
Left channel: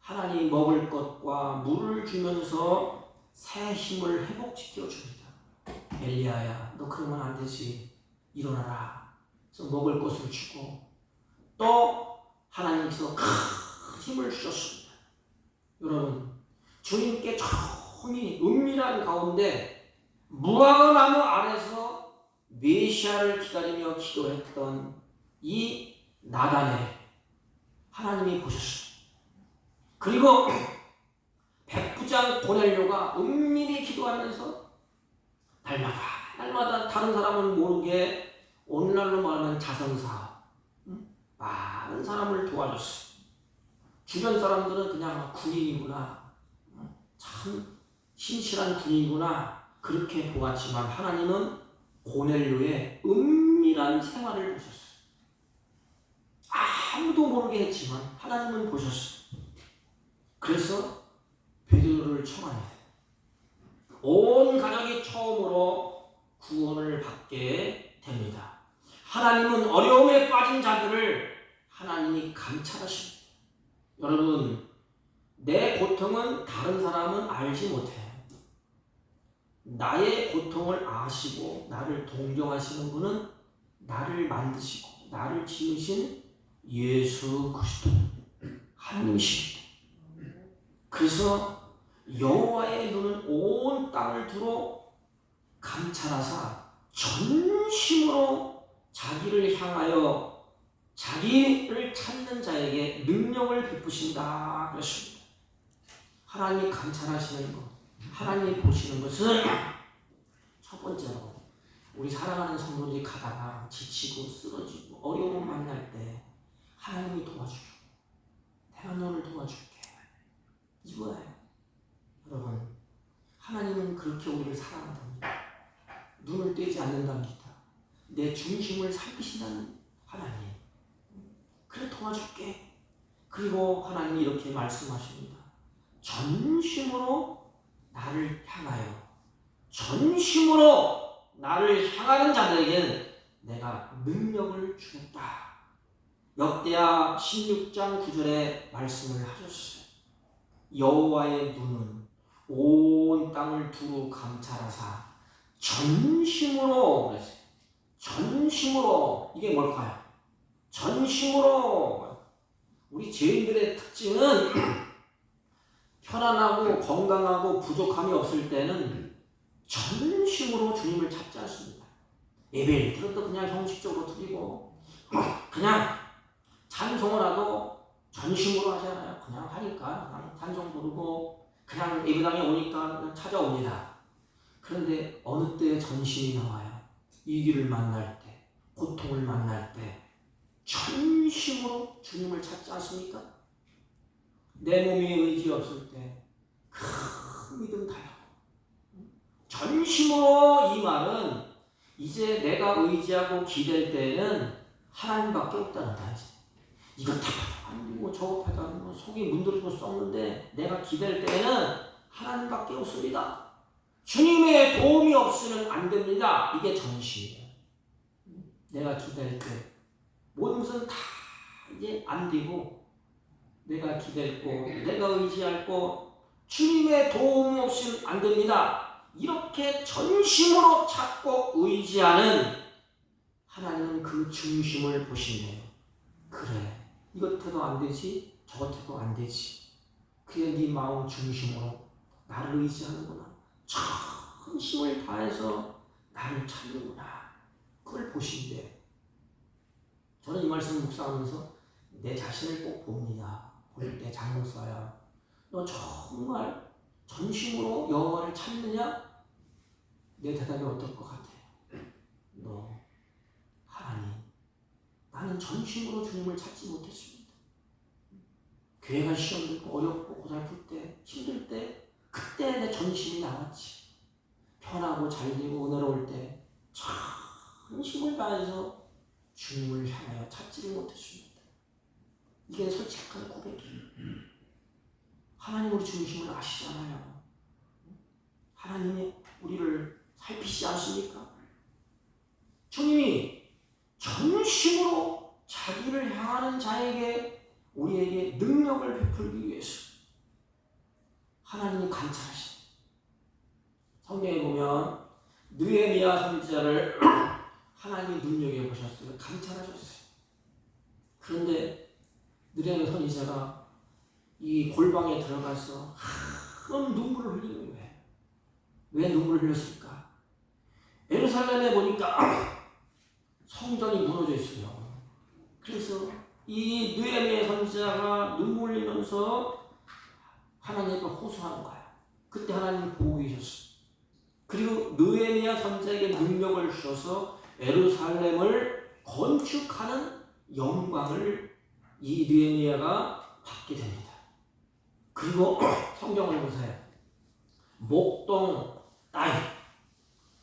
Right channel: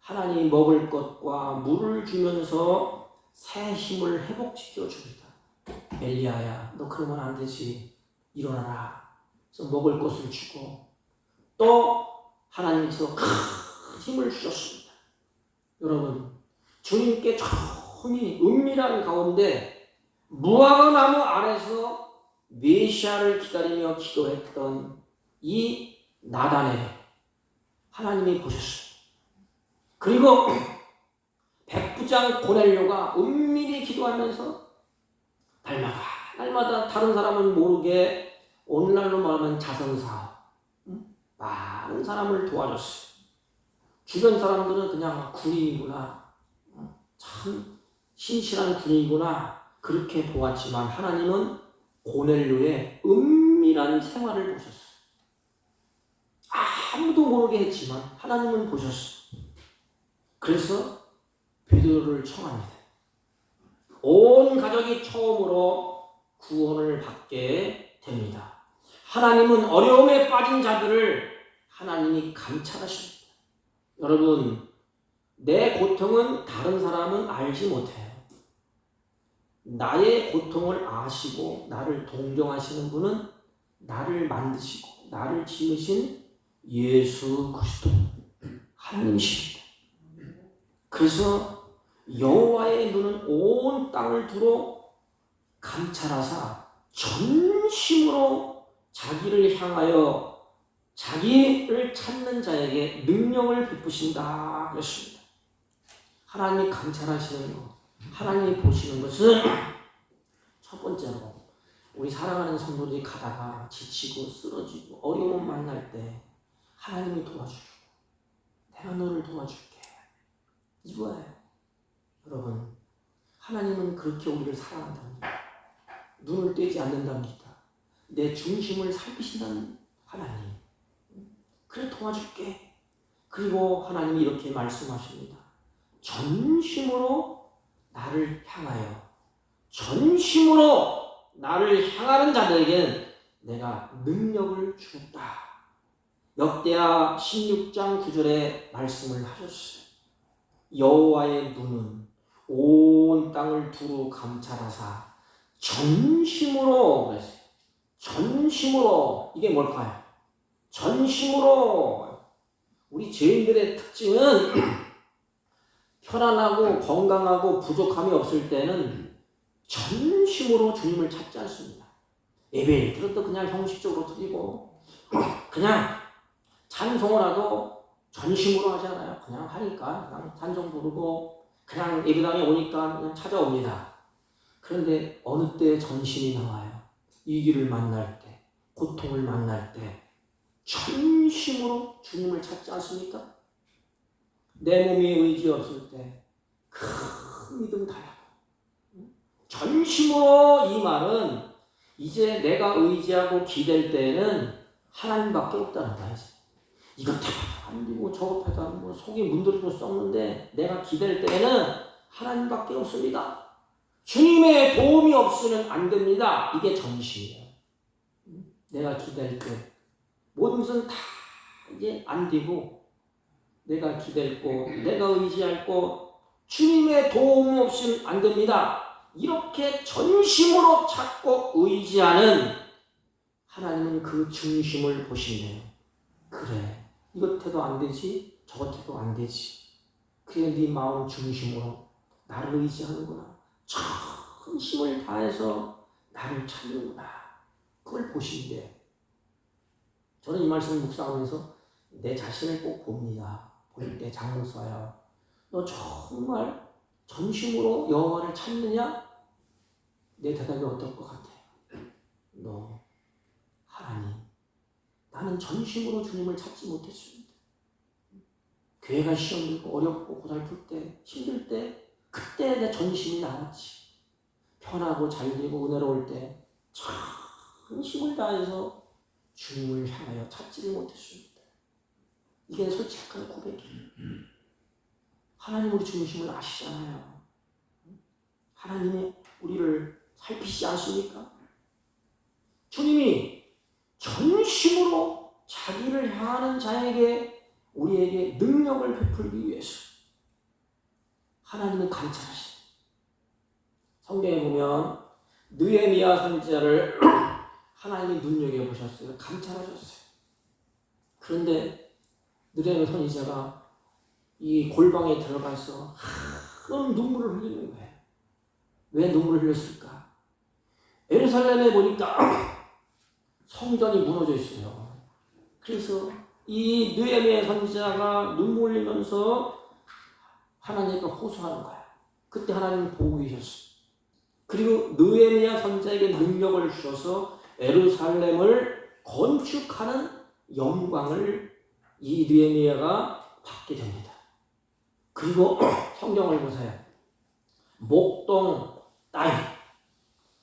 하나님이 먹을 것과 물을 주면서 새 힘을 회복시켜 줍니다. 엘리야야, 너 그러면 안 되지. 일어나라. 그래서 먹을 것을 주고 또 하나님께서 힘을 주셨습니다. 여러분, 주님께 조금이 은밀한 가운데 무화과 나무 아래서 메시아를 기다리며 기도했던 이 나단에 하나님이 보셨습니다. 그리고 백부장 고넬료가 은밀히 기도하면서 날마다 다른 사람은 모르게 오늘날로 말하면 자선사 많은 사람을 도와줬어요. 주변 사람들은 그냥 군인이구나, 참 신실한 군인이구나 그렇게 보았지만 하나님은 고넬료의 은밀한 생활을 보셨어요. 아무도 모르게 했지만 하나님은 보셨어요. 그래서 베드로를 청합니다. 온 가족이 처음으로 구원을 받게 됩니다. 하나님은 어려움에 빠진 자들을 하나님이 감찰하십니다. 여러분, 내 고통은 다른 사람은 알지 못해요. 나의 고통을 아시고 나를 동정하시는 분은 나를 만드시고 나를 지으신 예수 그리스도 하나님이십니다. 그래서 여호와의 눈은 온 땅을 두루 감찰하사 전심으로 자기를 향하여 자기를 찾는 자에게 능력을 베푸신다 그랬습니다. 하나님이 감찰하시는 것, 하나님이 보시는 것은 첫 번째로 우리 사랑하는 성도들이 가다가 지치고 쓰러지고 어려움 만날 때 하나님이 도와주죠. 내가 너를 도와줄게. 이거예요. 여러분, 하나님은 그렇게 우리를 사랑한답니다. 눈을 떼지 않는답니다. 내 중심을 살피신다는 하나님. 그래 도와줄게. 그리고 하나님이 이렇게 말씀하십니다. 전심으로 나를 향하여 전심으로 나를 향하는 자들에게는 내가 능력을 주겠다. 역대하 16장 9절에 말씀을 하셨어요. 여호와의 눈은 온 땅을 두루 감찰하사 전심으로 그랬어요. 전심으로. 이게 뭘까요? 전심으로. 우리 죄인들의 특징은 편안하고 건강하고 부족함이 없을 때는 전심으로 주님을 찾지 않습니다. 예배를 드려도 그냥 형식적으로 드리고 그냥 찬송을 하도 전심으로 하잖아요. 그냥 하니까 그냥 찬송 부르고 그냥 예배당에 오니까 그냥 찾아옵니다. 그런데 어느 때 전심이 나와요? 위기를 만날 때, 고통을 만날 때 전심으로 주님을 찾지 않습니까? 내 몸에 의지 없을 때 큰 믿음 달라고. 전심으로 이 말은 이제 내가 의지하고 기댈 때는 하나님밖에 없다는 거야. 이거 다 안 되고 저거 해가 뭐 속이 문드러지고 썼는데 내가 기댈 때는 하나님밖에 없습니다. 주님의 도움이 없으면 안 됩니다. 이게 전심이에요. 내가 기댈 때 모든 것은 다 이제 안 되고 내가 기댈 거, 내가 의지할 거 주님의 도움 없이는 안 됩니다. 이렇게 전심으로 찾고 의지하는 하나님은 그 중심을 보신대요. 그래, 이것 해도 안 되지, 저것 해도 안 되지. 그래, 네 마음 중심으로 나를 의지하는구나. 전 힘을 다해서 나를 찾는구나. 그걸 보신대요. 저는 이 말씀을 묵상하면서 내 자신을 꼭 봅니다. 볼 때 장목사야, 너 정말 전심으로 여호와를 찾느냐? 내 대답이 어떨 것 같아? 너, 하나님, 나는 전심으로 주님을 찾지 못했습니다. 교회가 시험 들고 어렵고 고달플 때, 힘들 때, 그때 내 전심이 나왔지. 편하고 잘되고 은혜로울 때 전심을 다해서 주님을 향하여 찾지를 못했습니다. 이게 솔직한 고백이에요. 하나님 우리 중심을 아시잖아요. 하나님이 우리를 살피시지 않습니까? 주님이 전심으로 자기를 향하는 자에게 우리에게 능력을 베풀기 위해서 하나님이 감찰하시다. 성경에 보면 느헤미야 선지자를 하나님이 눈여겨보셨어요. 감찰하셨어요. 그런데 느헤미야 선지자가 이 골방에 들어가서 큰 눈물을 흘리는 거예요. 왜 눈물을 흘렸을까? 예루살렘에 보니까 성전이 무너져 있어요. 그래서 이 느헤미야 선지자가 눈물 흘리면서 하나님께 호소하는 거예요. 그때 하나님 보고 계셨어요. 그리고 느헤미야 선지자에게 능력을 주셔서 예루살렘을 건축하는 영광을 이 느헤미야가 받게 됩니다. 그리고 성경을 보세요. 목동 다윗,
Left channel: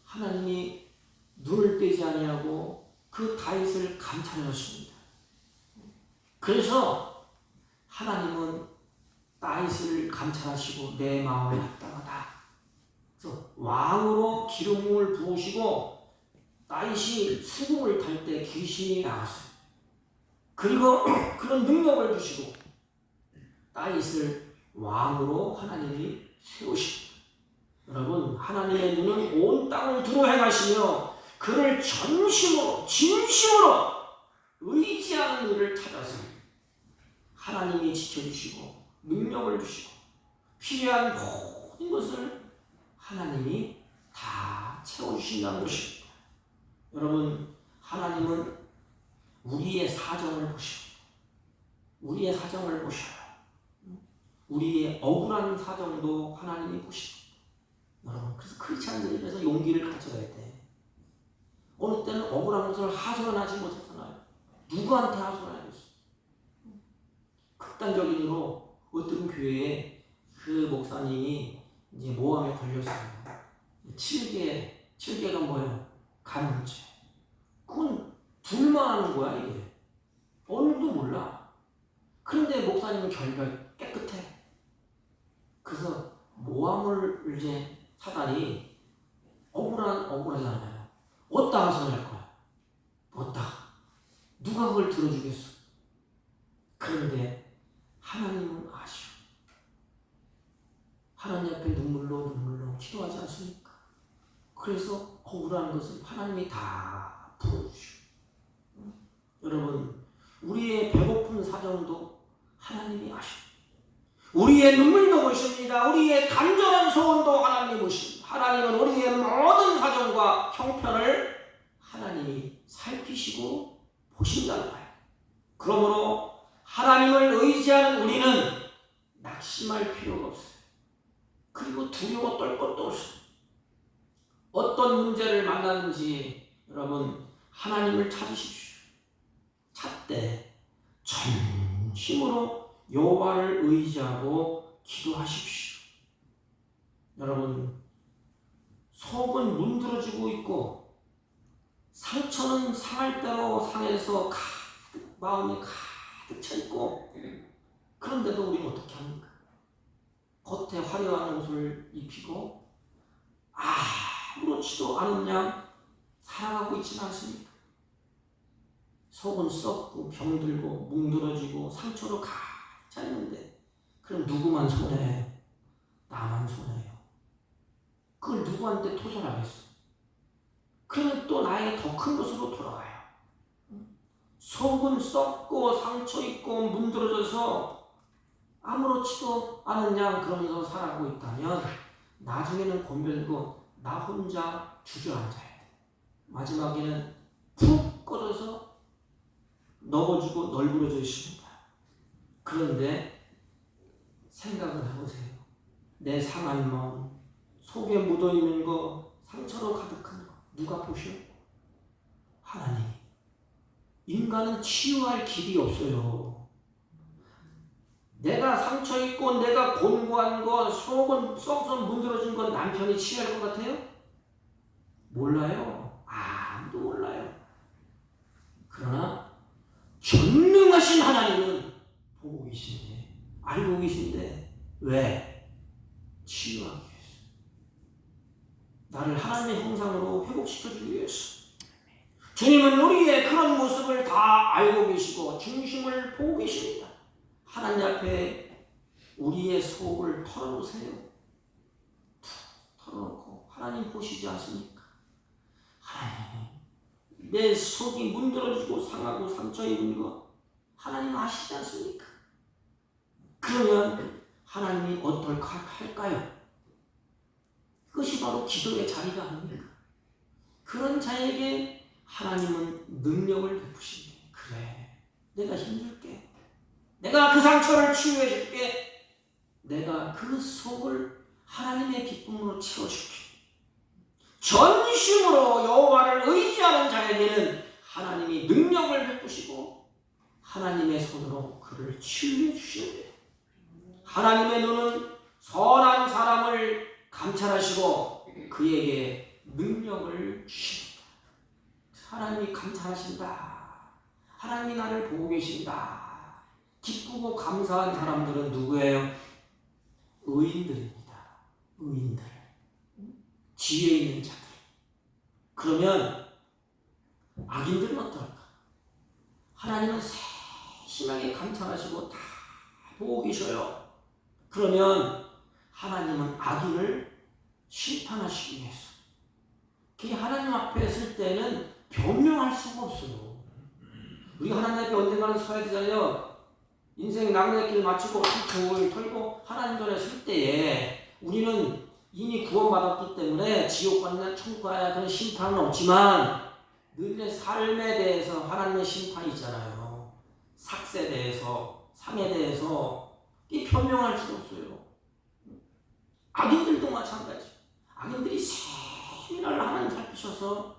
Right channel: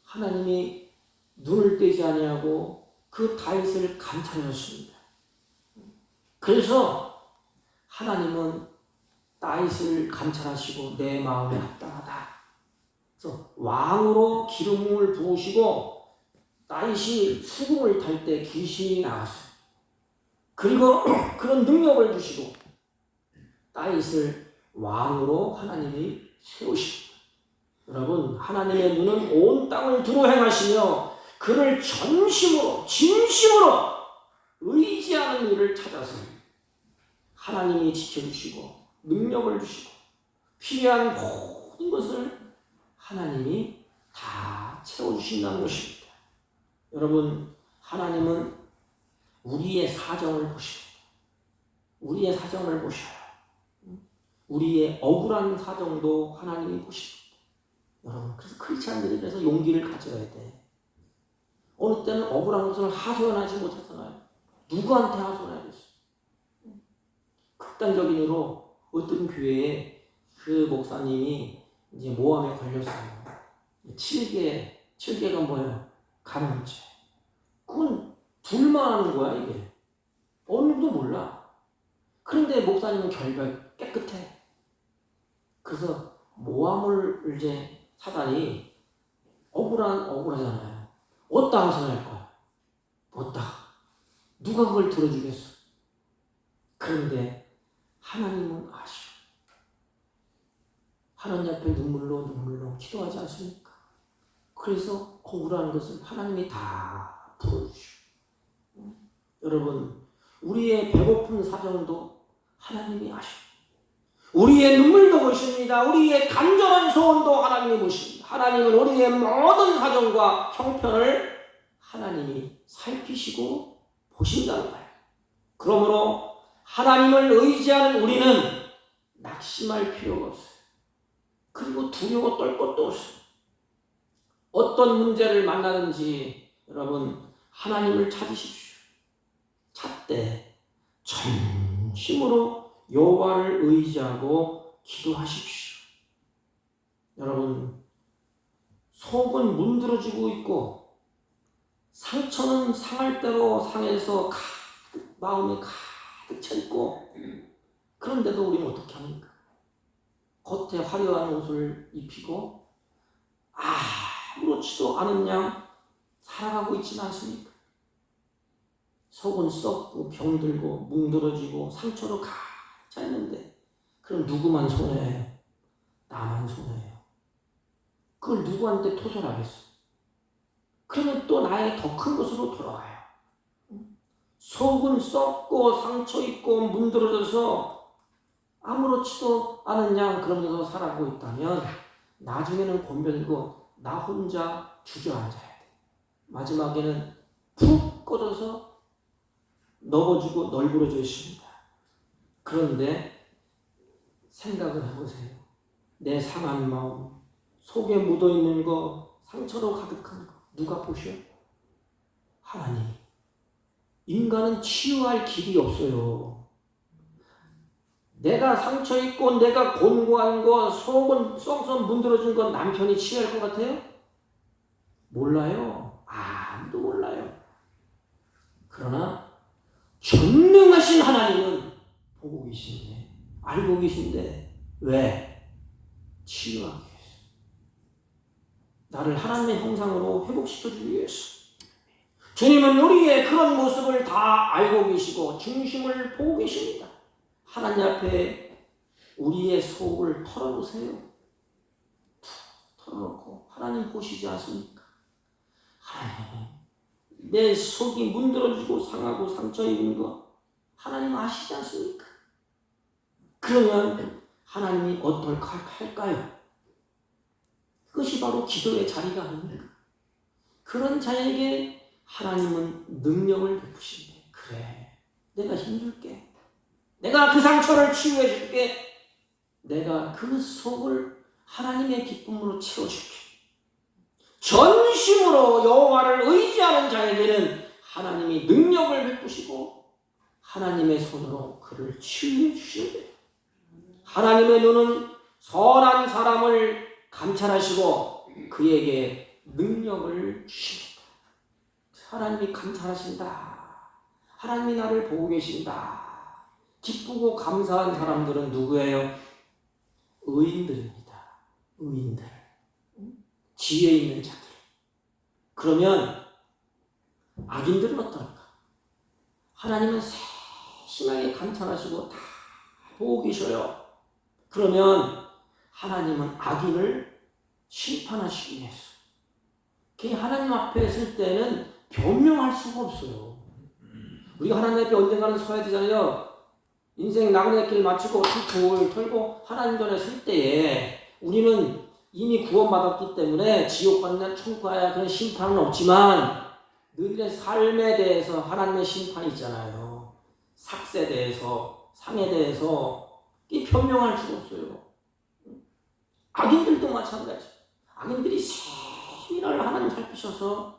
하나님이 눈을 떼지 아니하고 그 다윗을 감찰하셨습니다. 그래서 하나님은 다윗을 감찰하시고 내 마음에 합당하다, 그래서 왕으로 기름을 부으시고 다윗이 수궁을 탈 때 귀신이 나왔어요. 그리고 그런 능력을 주시고 다윗을 왕으로 하나님이 세우십니다. 여러분, 하나님의 눈은 온 땅을 두루 행하시며 그를 전심으로 진심으로 의지하는 이를 찾아서 하나님이 지켜주시고 능력을 주시고 필요한 모든 것을 하나님이 다 채워주신다는 것입니다. 여러분, 하나님은 우리의 사정을 보시고 우리의 사정을 보셔요. 우리의 억울한 사정도 하나님이 보십니다. 여러분, 그래서 크리스찬 들이 그래서 용기를 가져야 돼. 어느 때는 억울한 것을 하소연하지 못하잖아요. 누구한테 하소연하겠어? 극단적인 예로 어떤 교회에 그 목사님이 이제 모함에 걸렸어요. 7개가 뭐예요? 간음죄. 그건 둘만 하는 거야, 이게. 어느 누구도 몰라. 그런데 목사님은 결별 깨끗해. 그래서 모함을 이제 사단이 억울하잖아요. 어디다 하소연할 거야? 어디다? 누가 그걸 들어주겠어? 그런데 하나님은 아시오. 하나님 앞에 눈물로 기도하지 않습니까? 그래서 억울한 것은 하나님이 다 풀어주시오. 여러분, 우리의 배고픈 사정도 하나님이 아시오. 우리의 눈물도 보십니다. 우리의 간절한 소원도 하나님이 보십니다. 하나님은 우리의 모든 사정과 형편을 하나님이 살피시고 보신다는 거예요. 그러므로 하나님을 의지하는 우리는 낙심할 필요가 없어요. 그리고 두려워 떨 것도 없어요. 어떤 문제를 만나든지 여러분, 하나님을 찾으십시오. 찾되 전심으로 여호와를 의지하고 기도하십시오. 여러분, 속은 문드러지고 있고 상처는 상할 대로 상해서 마음이 가득 차 있고, 그런데도 우리는 어떻게 합니까? 겉에 화려한 옷을 입히고 아무렇지도 않은 양 살아가고 있지는 않습니까? 속은 썩고 병들고 뭉드러지고 상처로 가득 차 있는데, 그럼 누구만 손해해요? 나만 손해해요. 그걸 누구한테 토설하겠어? 그러면 또 나의 더 큰 것으로 돌아와요. 속은 썩고 상처 있고 문드러져서 아무렇지도 않은 양 그러면서 살아가고 있다면 나중에는 곤별고 나 혼자 주저앉아야 돼. 마지막에는 푹 꺼져서 넘어지고 널브러져 있습니다. 그런데 생각을 해보세요. 내 상한 마음, 속에 묻어있는 거, 상처로 가득한 거 누가 보셔? 하나님. 인간은 치유할 길이 없어요. 내가 상처 있고 내가 곤고한 거, 속은 썩썩 문드러진 건 남편이 치유할 것 같아요? 몰라요. 아무도 몰라요. 그러나 전능하신 하나님은 보고 계신데, 알고 계신데, 왜? 치유하기 위해서. 나를 하나님의 형상으로 회복시켜주기 위해서. 주님은 우리의 그런 모습을 다 알고 계시고 중심을 보고 계십니다. 하나님 앞에 우리의 속을 털어놓으세요. 털어놓고 하나님 보시지 않습니까? 하나님, 내 속이 문드러지고 상하고 상처 입은 거 하나님 아시지 않습니까? 그러면 하나님이 어떨까 할까요? 그것이 바로 기도의 자리가 아닙니까? 그런 자에게 하나님은 능력을 베푸신대. 그래, 내가 힘줄게. 내가 그 상처를 치유해 줄게. 내가 그 속을 하나님의 기쁨으로 채워줄게. 전심으로 여호와를 의지하는 자에게는 하나님이 능력을 베푸시고 하나님의 손으로 그를 치유해 주신대. 하나님의 눈은 선한 사람을 감찰하시고 그에게 능력을 주십니다. 하나님이 감찰하신다. 하나님이 나를 보고 계신다. 기쁘고 감사한 사람들은 누구예요? 의인들입니다. 의인들. 지혜 있는 자들. 그러면 악인들은 어떨까? 하나님은 세심하게 감찰하시고 다 보고 계셔요. 그러면 하나님은 악인을 심판하시기 위해서 하나님 앞에 설 때는 변명할 수가 없어요. 우리가 하나님 앞에 언젠가는 서야 되잖아요. 인생 나그네 길 마치고 돌 털고 하나님 전에 설 때에 우리는 이미 구원받았기 때문에 지옥 받는 천국 가야 그런 심판은 없지만 너희의 삶에 대해서 하나님의 심판이 있잖아요. 삭세에 대해서, 상에 대해서 이 변명할 수가 없어요. 악인들도 마찬가지. 악인들이 세밀을 하나님 살피셔서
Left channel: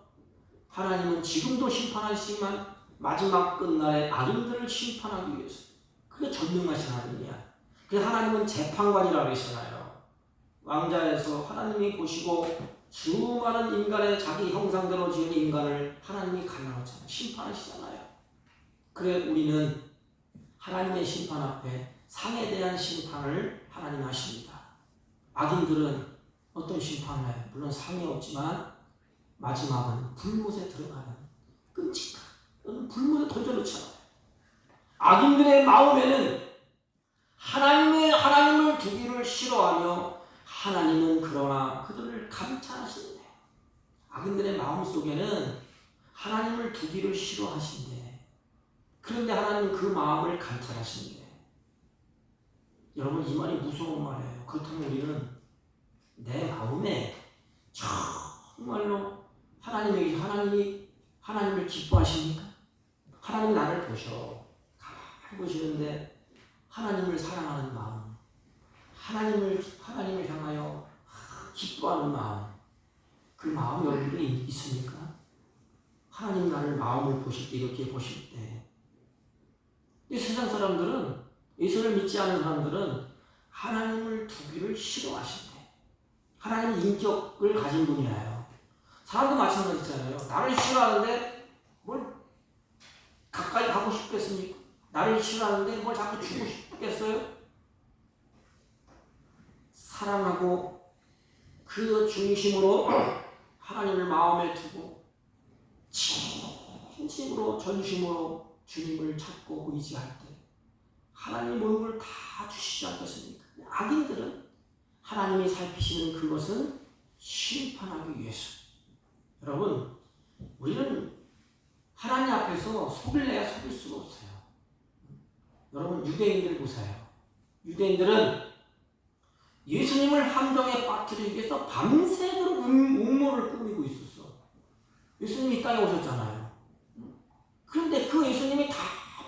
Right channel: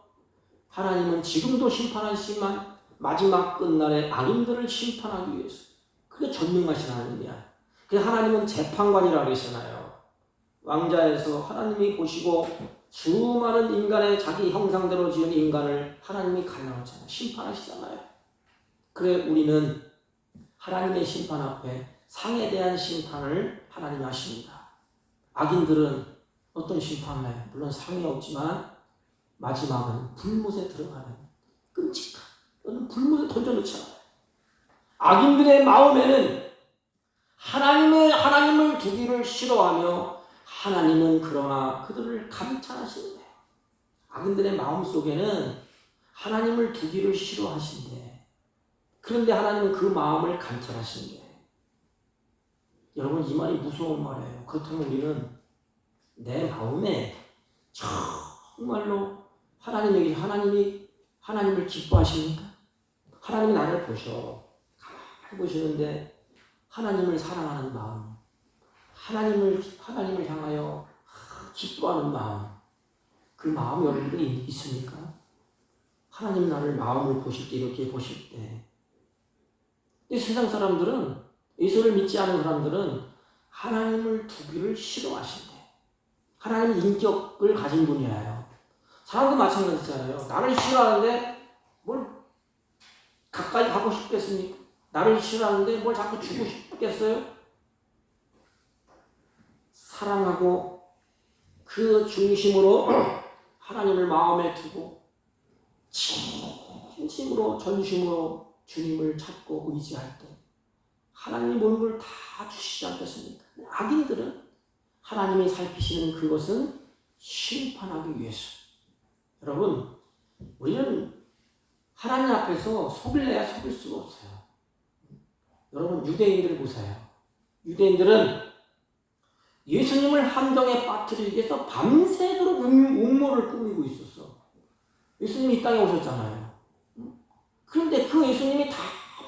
하나님은 지금도 심판하시지만 마지막 끝날에 악인들을 심판하기 위해서 그게 전능하신 하나님이야. 그래서 하나님은 재판관이라고 그러시잖아요. 왕자에서 하나님이 보시고 수많은 인간의 자기 형상대로 지은 인간을 하나님이 갈라놓잖아요. 심판하시잖아요. 그래 우리는 하나님의 심판 앞에 상에 대한 심판을 하나님 하십니다. 악인들은 어떤 심판을 해요? 물론 상이 없지만 마지막은 불못에 들어가는 끔찍한 불못에 던져놓지 않아요. 악인들의 마음에는 하나님을 두기를 싫어하며 하나님은 그러나 그들을 감찰하시는데 악인들의 마음속에는 하나님을 두기를 싫어하신대. 그런데 하나님은 그 마음을 감찰하시는데 여러분 이 말이 무서운 말이에요. 그렇다면 우리는 내 마음에 정말로 하나님을 기뻐하십니까? 하나님이 나를 보셔. 가만히 보시는데 하나님을 사랑하는 마음, 하나님을 향하여 기뻐하는 마음, 그 마음 여러분들이 있습니까? 하나님 나를 마음을 보실 때 이렇게 보실 때 이 세상 사람들은 예수를 믿지 않는 사람들은 하나님을 두기를 싫어하신대. 하나님 인격을 가진 분이에요. 사람도 마찬가지잖아요. 나를 싫어하는데 뭘 가까이 가고 싶겠습니까? 나를 싫어하는데 뭘 자꾸 주고 싶겠어요? 사랑하고 그 중심으로 하나님을 마음에 두고 진심으로 전심으로 주님을 찾고 의지할 때 하나님이 모든 걸 다 주시지 않겠습니까? 악인들은 하나님이 살피시는 그것은 심판하기 위해서. 여러분 우리는 하나님 앞에서 속일래야 속일 수가 없어요. 여러분 유대인들 보세요. 유대인들은 예수님을 함정에 빠뜨리기 위해서 밤새도록 음모를 꾸미고 있었어. 예수님이 이 땅에 오셨잖아요. 그런데 그 예수님이 다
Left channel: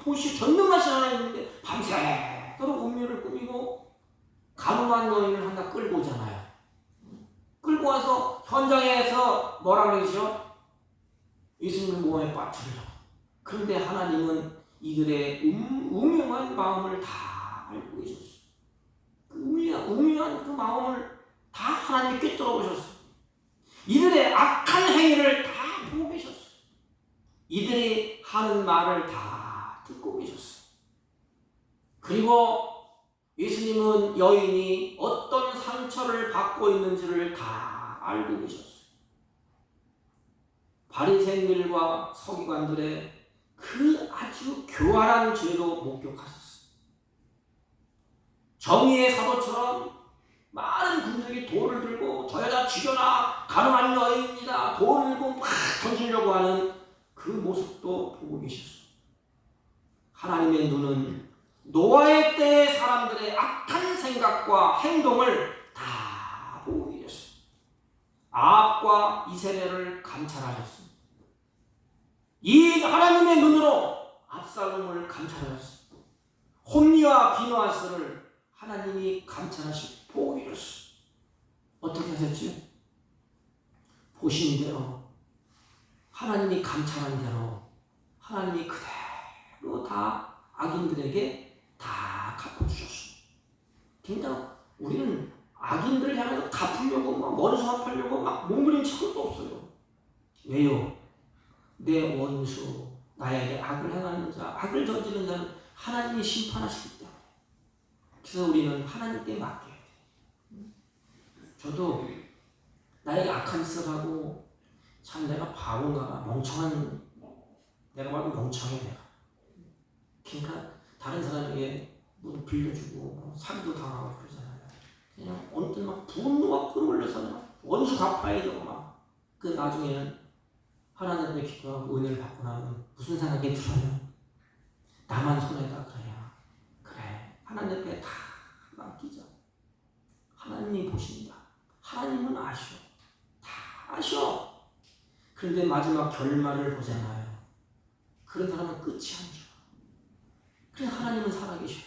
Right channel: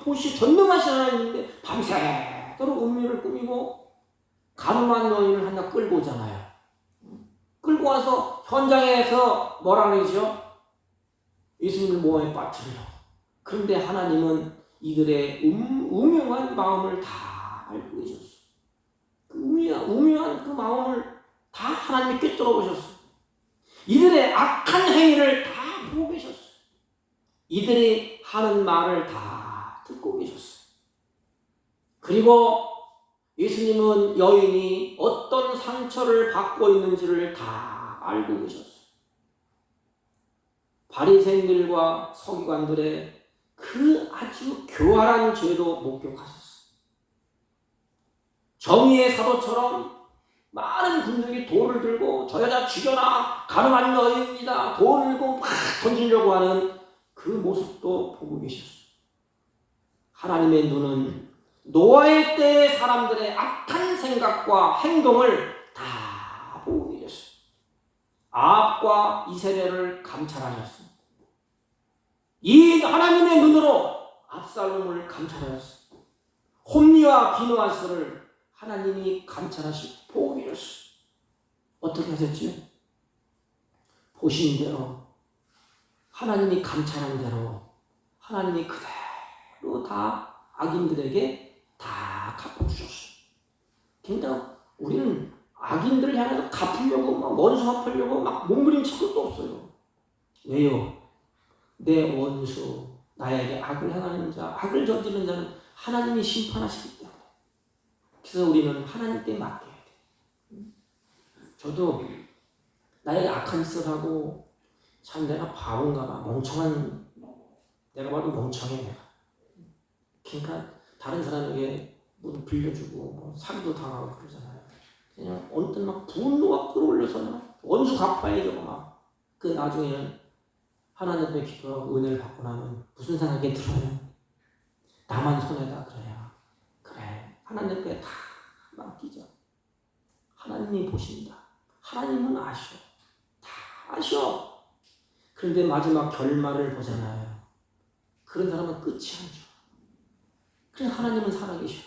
보시 전능하신 하나님인데 밤새도록 음모를 꾸미고 가늠한 여인을 하나 끌고 오잖아요. 끌고 와서 현장에서 뭐라 그러죠? 예수님을 모함에 빠뜨려. 그런데 하나님은 이들의 우명한 마음을 다 알고 계셨어. 그 우명한 그 마음을 다 하나님이 꿰뚫어 보셨어. 이들의 악한 행위를 다 보고 계셨어. 이들이 하는 말을 다 듣고 계셨어. 그리고 예수님은 여인이 어떤 상처를 받고 있는지를 다 알고 계셨어. 바리새인들과 서기관들의 그 아주 교활한 죄도 목격하셨어. 정의의 사도처럼 많은 분들이 돌을 들고 저 여자 죽여라, 가늠한 여인이다, 돌을 들고 막 던지려고 하는 그 모습도 보고 계셨어. 하나님의 눈은 노아의 때의 사람들의 악한 생각과 행동을 다 보고 계셨어. 아합과 이세벨을 감찰하셨습니다. 이 하나님의 눈으로 압살롬을 감찰하셨습니다. 홈리와 비누아스를 하나님이 감찰하시고 보고 계셨어. 어떻게 하셨지요? 보신 대로 하나님이 감찰한 대로 하나님이 그대로 다 악인들에게 다 갚아주셨어. 굉장히 우리는 악인들을 향해서 갚으려고 막 원수 갚으려고 막 몸부림칠 것도 없어요. 왜요? 내 원수 나에게 악을 행하는 자, 악을 저지르는 자는 하나님이 심판하시기 때문에. 그래서 우리는 하나님께 맡겨야 돼요. 저도 나에게 악한 짓을 하고 참 내가 바본가 멍청한 내가 바로 멍청해 내가. 그러니까 다른 사람에게 뭐 빌려주고 뭐 사기도 당하고 그러잖아요. 그냥 어느 때 막 분노가 끌어올려서 막 원수 갚아야죠. 막. 그 나중에는 하나님의 기뻐하고 은혜를 받고 나면 무슨 생각이 들어요? 나만 손해다 그래야. 그래 하나님께 다 맡기자. 하나님이 보신다. 하나님은 아셔. 다 아셔. 그런데 마지막 결말을 보잖아요. 그런 사람은 끝이 안 좋아. 그래 하나님은 살아계셔.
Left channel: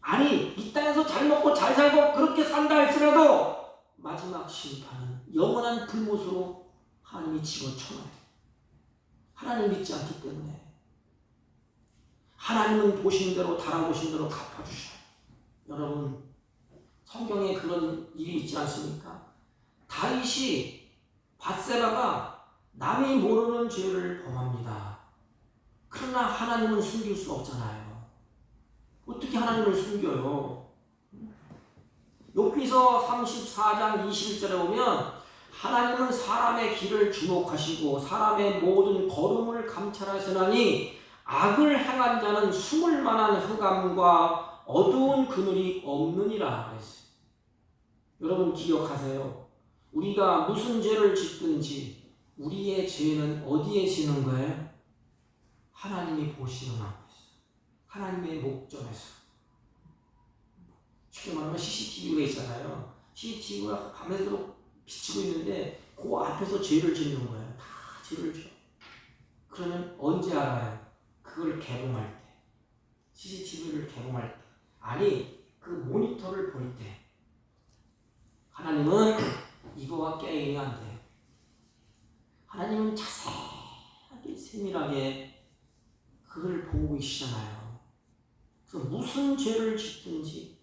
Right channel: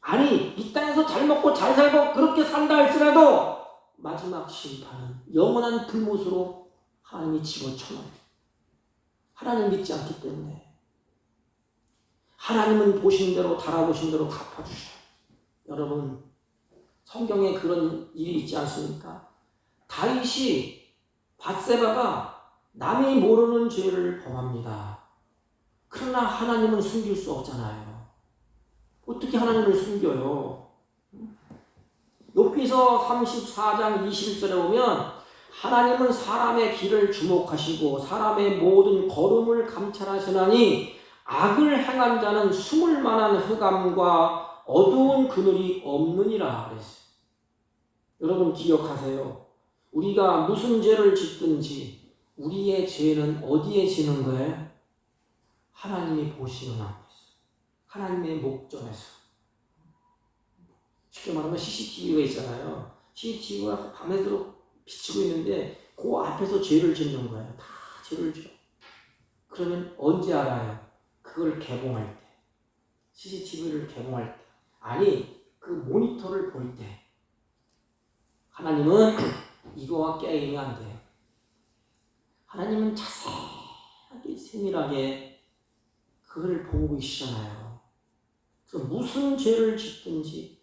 아니 이 땅에서 잘 먹고 잘 살고 그렇게 산다 할지라도 마지막 심판은 영원한 불못으로 하나님이 집어쳐놔. 하나님 믿지 않기 때문에 하나님은 보신 대로 달아보신 대로 갚아주셔. 여러분 성경에 그런 일이 있지 않습니까? 다윗이 밧세바가 남이 모르는 죄를 범합니다. 그러나 하나님은 숨길 수 없잖아요. 어떻게 하나님을 숨겨요? 욥기서 34장 21절에 보면 하나님은 사람의 길을 주목하시고 사람의 모든 걸음을 감찰하시나니 악을 행한 자는 숨을 만한 흑암과 어두운 그늘이 없느니라 그랬어요. 여러분 기억하세요. 우리가 무슨 죄를 짓든지 우리의 죄는 어디에 지는 거예요? 하나님이 보시는 앞에서. 하나님의 목전에서. 쉽게 말하면 CCTV가 있잖아요. CCTV가 밤새도록 비치고 있는데 그 앞에서 죄를 짓는 거예요. 다 죄를 지어. 그러면 언제 알아요? 그걸 개봉할 때. CCTV를 개봉할 때. 아니 그 모니터를 볼 때. 하나님은 이거와 게임이 안 돼요. 하나님은 자세하게 세밀하게 그걸 보고 계시잖아요. 그래서 무슨 죄를 짓든지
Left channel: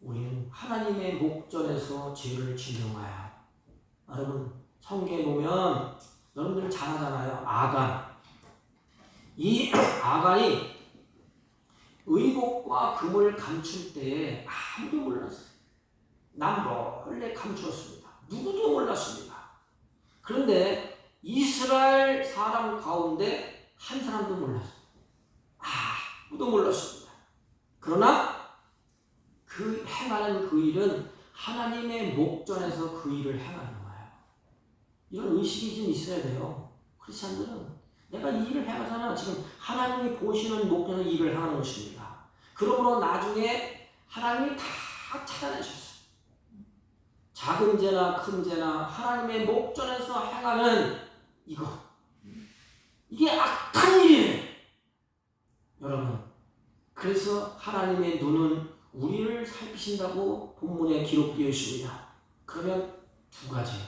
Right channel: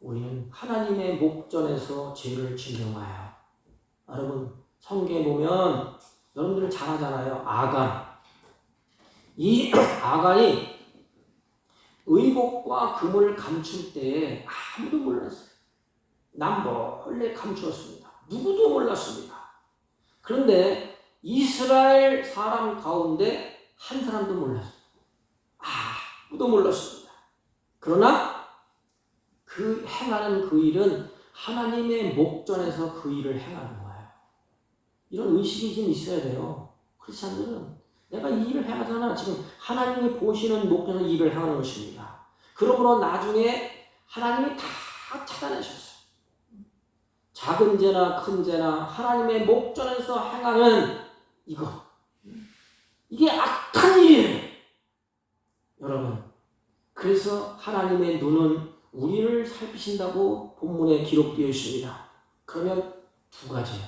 우리는 하나님의 목전에서 죄를 짓는 거야. 여러분 성경에 보면 여러분들 잘 아잖아요. 아간. 이 아간이 의복과 금을 감출 때에 아무도 몰랐어요. 난 몰래 감추었습니다. 누구도 몰랐습니다. 그런데 이스라엘 사람 가운데 한 사람도 몰랐어요. 아무도 몰랐습니다. 그러나 그 행하는 그 일은 하나님의 목전에서 그 일을 행하는 거예요. 이런 의식이 좀 있어야 돼요. 크리스찬들은 내가 이 일을 행하잖아. 지금 하나님이 보시는 목전에서 일을 행하는 것입니다. 그러므로 나중에 하나님이 다 찾아내셨어요. 작은 죄나 큰 죄나 하나님의 목전에서 행하는 이거. 이게 악한 일이에요. 여러분. 그래서 하나님의 눈은 우리를 살피신다고 본문에 기록되어 있습니다. 그러면 두 가지예요.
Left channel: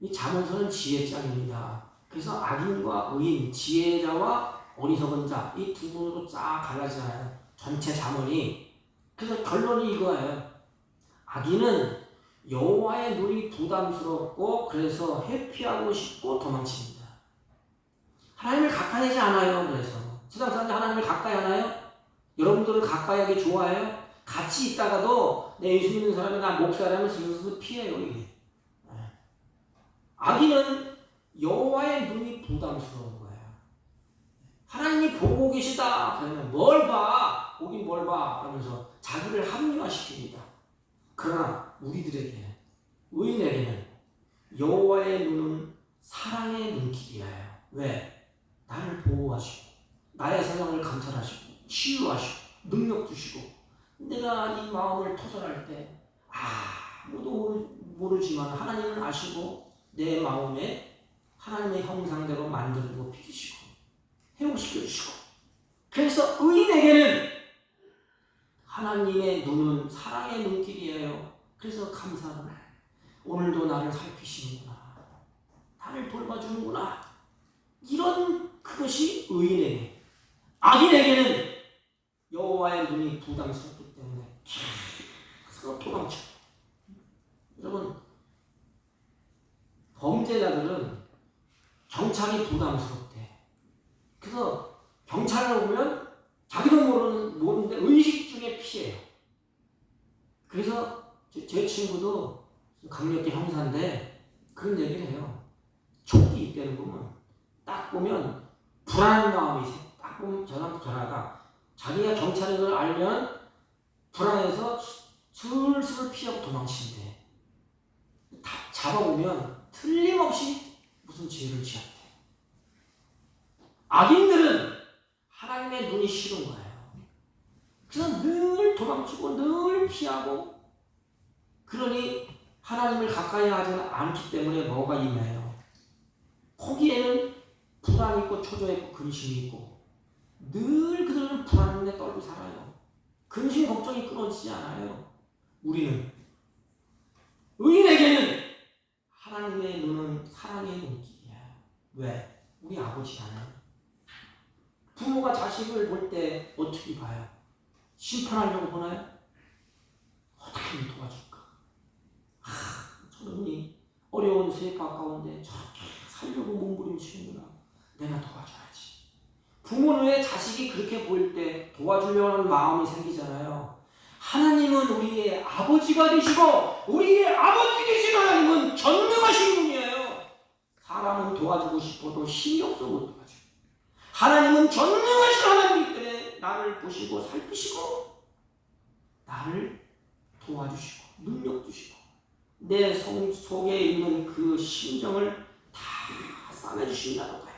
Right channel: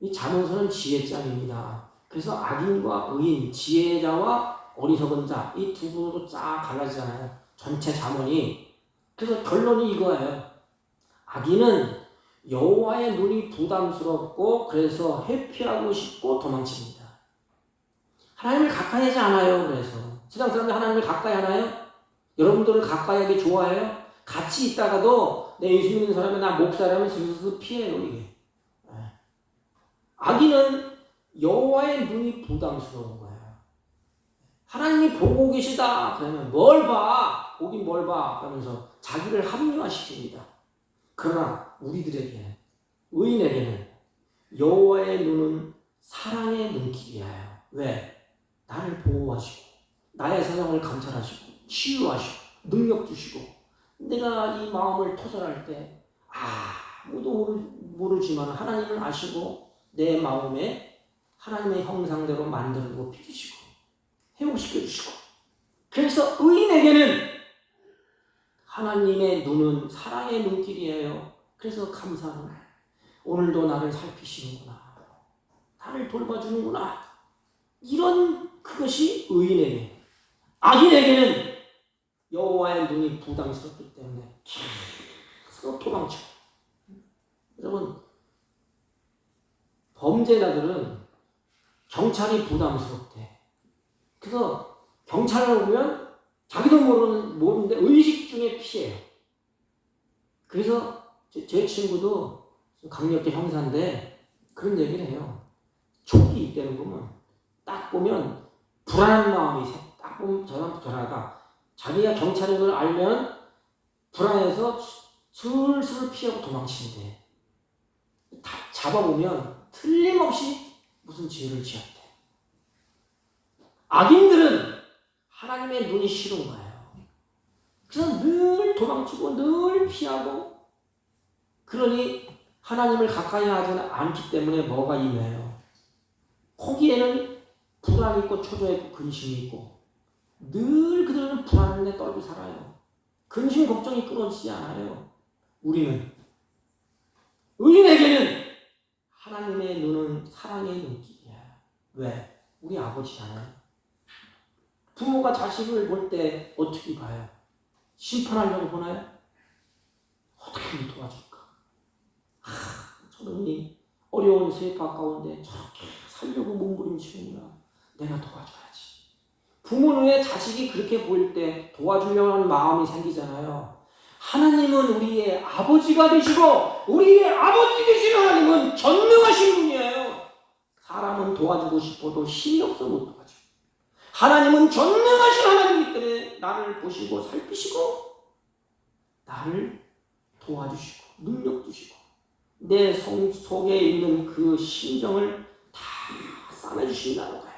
이 잠언서는 지혜장입니다. 그래서 악인과 의인, 지혜자와 어리석은 자, 이 두 부로 쫙 갈라지잖아요. 전체 잠언이. 그래서 결론이 이거예요. 악인은 여호와의 눈이 부담스럽고 그래서 회피하고 싶고 도망칩니다. 하나님을 가까이 하지 않아요. 그래서 세상 사람들 하나님을 가까이 하나요? 여러분들을 가까이 하기 좋아해요? 같이 있다가도 내 예수 믿는 사람이 나 목사라면 슬슬 피해요. 이게. 악인은 여호와의 눈이 부담스러운 거예요. 하나님이 보고 계시다 그러면 뭘 봐? 보긴 뭘 봐? 그러면서 자기를 합리화시킵니다. 그러나 우리들에게 의인에게는 여호와의 눈은 사랑의 눈길이에요. 왜? 나를 보호하시고 나의 생각을 감찰하시고 치유하시고 능력 주시고 내가 이 마음을 토설할 때 아무도 모르지만 하나님은 아시고 내 마음에 하나님의 형상대로 만들고 빚으시고 회복시켜 주시고 그래서 의인에게는 하나님의 눈은 사랑의 눈길이에요. 그래서 감사하는 거예요. 오늘도 나를 살피시는구나. 나를 돌봐주는구나. 이런 그것이 의인에게. 악인에게는 여호와의 눈이 부담스럽기 때문에 계속 도망쳐. 여러분 범죄자들은 경찰이 부담스럽대. 그래서 경찰을 보면 자기도 모르는데 의식 중에 피해요. 그래서 제 친구도 강력계 형사인데 그런 얘기를 해요. 조끼 때는 보면 딱 보면 불안한 마음이 딱 보면 전화가 자기가 경찰인 걸 알면 불안해서 술술 피하고 도망치는데 다 잡아보면 틀림없이 무슨 죄를 지었대. 악인들은 하나님의 눈이 싫은 거예요. 그래서 늘 도망치고 늘 피하고 그러니 하나님을 가까이 하지 않기 때문에 뭐가 임해요. 거기에는 불안이 있고 초조해 있고 근심이 있고 늘 그들은 불안에 떨고 살아요. 근심 걱정이 끊어지지 않아요. 우리는 의인에게는 하나님의 눈은 사랑의 눈길이야. 왜? 우리 아버지잖아요. 부모가 자식을 볼 때 어떻게 봐요? 심판하려고 보나요? 어떻게 도와줄까? 저놈이 어려운 세입 가까운데 저렇게 살려고 몸부림치는구나. 내가 도와줘야지. 부모는 왜 자식이 그렇게 보일 때 도와주려고 하는 마음이 생기잖아요. 하나님은 우리의 아버지가 되시고 우리의 아버지 되신 하나님은 전능하신 분이에요. 사람은 도와주고 싶어도 힘이 없어 못 도와줘. 하나님은 전능하신 하나님이기 때문에 나를 보시고 살피시고 나를 도와주시고 능력 주시고 내 속에 있는 그 심정을 다 싸매주신다는 거예요.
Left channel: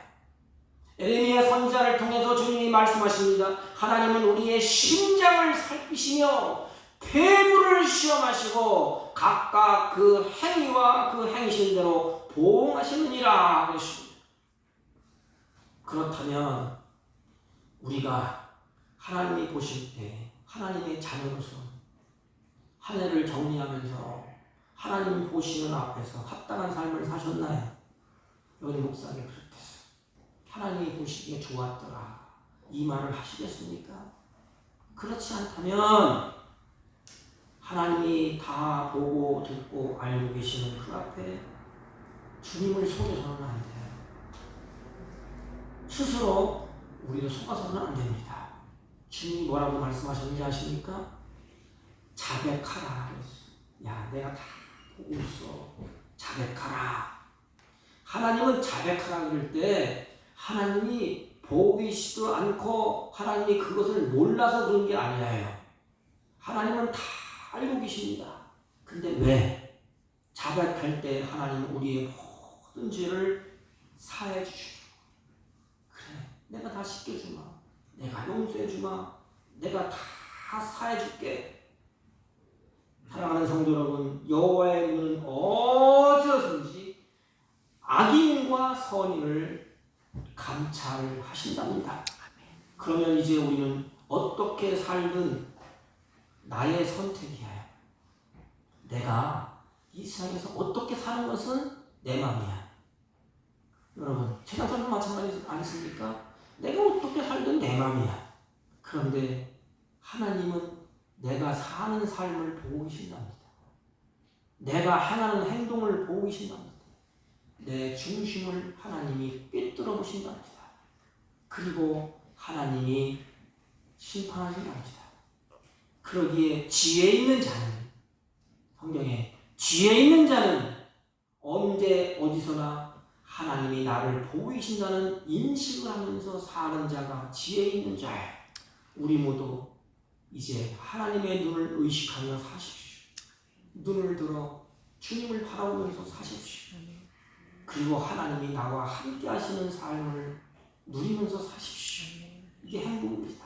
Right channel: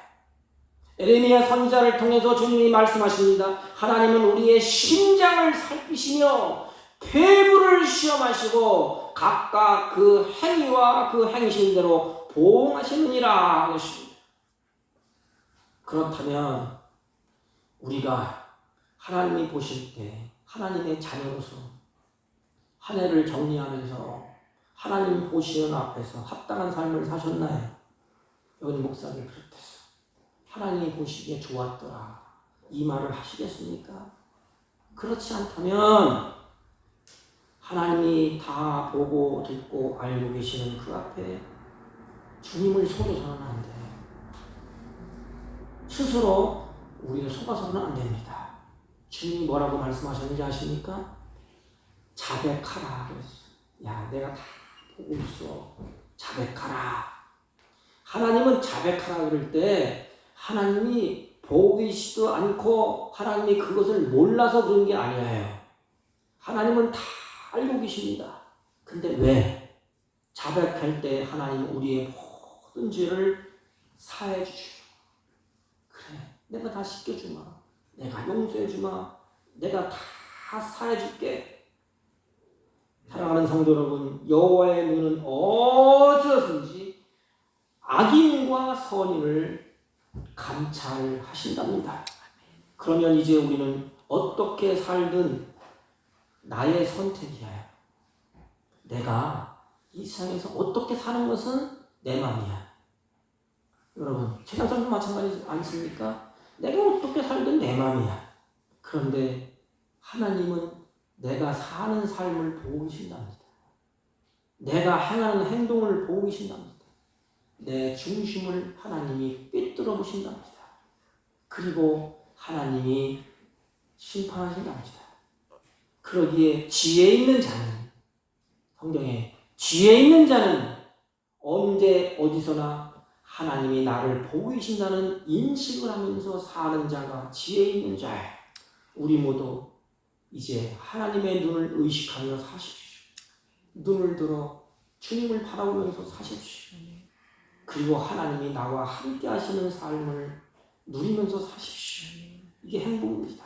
에레미야 선지자를 통해서 주님이 말씀하십니다. 하나님은 우리의 심장을 살피시며 폐부를 시험하시고 각각 그 행위와 그 행실대로 보응하시느니라 하셨습니다. 그렇다면 우리가 하나님이 보실 때 하나님의 자녀로서 한 해를 정리하면서 하나님 보시는 앞에서 합당한 삶을 사셨나요? 여기 목사를 비롯해서 하나님이 보시기에 좋았더라 이 말을 하시겠습니까? 그렇지 않다면 하나님이 다 보고 듣고 알고 계시는 그 앞에 주님을 속여서는 안 돼요. 스스로 우리는 속아서는 안 됩니다. 주님이 뭐라고 말씀하셨는지 아십니까? 자백하라 그랬어요. 야, 내가 다 보고 있어. 자백하라. 하나님은 자백하라 그럴 때 하나님이 보고 계시지도 않고 하나님이 그것을 몰라서 그런 게 아니에요. 하나님은 다 알고 계십니다. 근데 왜? 자백할 때 하나님은 우리의 모든 죄를 사해 주시오. 그래, 내가 다 씻겨주마. 내가 용서해주마. 내가 다 사해줄게. 사랑하는 성도 여러분, 여호와의 눈은 어디서든지 악인과 선인을 감찰하신답니다. 그러면 이제 우리는 어떻게 살든 나의 선택이에요. 내가 이 세상에서 어떻게 사는 것은 내 마음이야. 여러분, 세상도 마찬가지지 않습니까? 내가 어떻게 살든 내 마음이야. 그런데 하나님은 내가 사는 삶을 보고 계신답니다. 내가 행하는 행동을 보고 계신답니다. 내 중심을 하나님이 꿰뚫어 보신답니다. 그리고 하나님이 심판하신답니다. 그러기에 지혜 있는 자는 성경에 지혜 있는 자는 언제 어디서나 하나님이 나를 보고 계신다는 인식을 하면서 사는 자가 지혜 있는 자예요. 우리 모두 이제 하나님의 눈을 의식하며 사십시오. 눈을 들어 주님을 바라보면서 사십시오. 그리고 하나님이 나와 함께 하시는 삶을 누리면서 사십시오. 이게 행복입니다.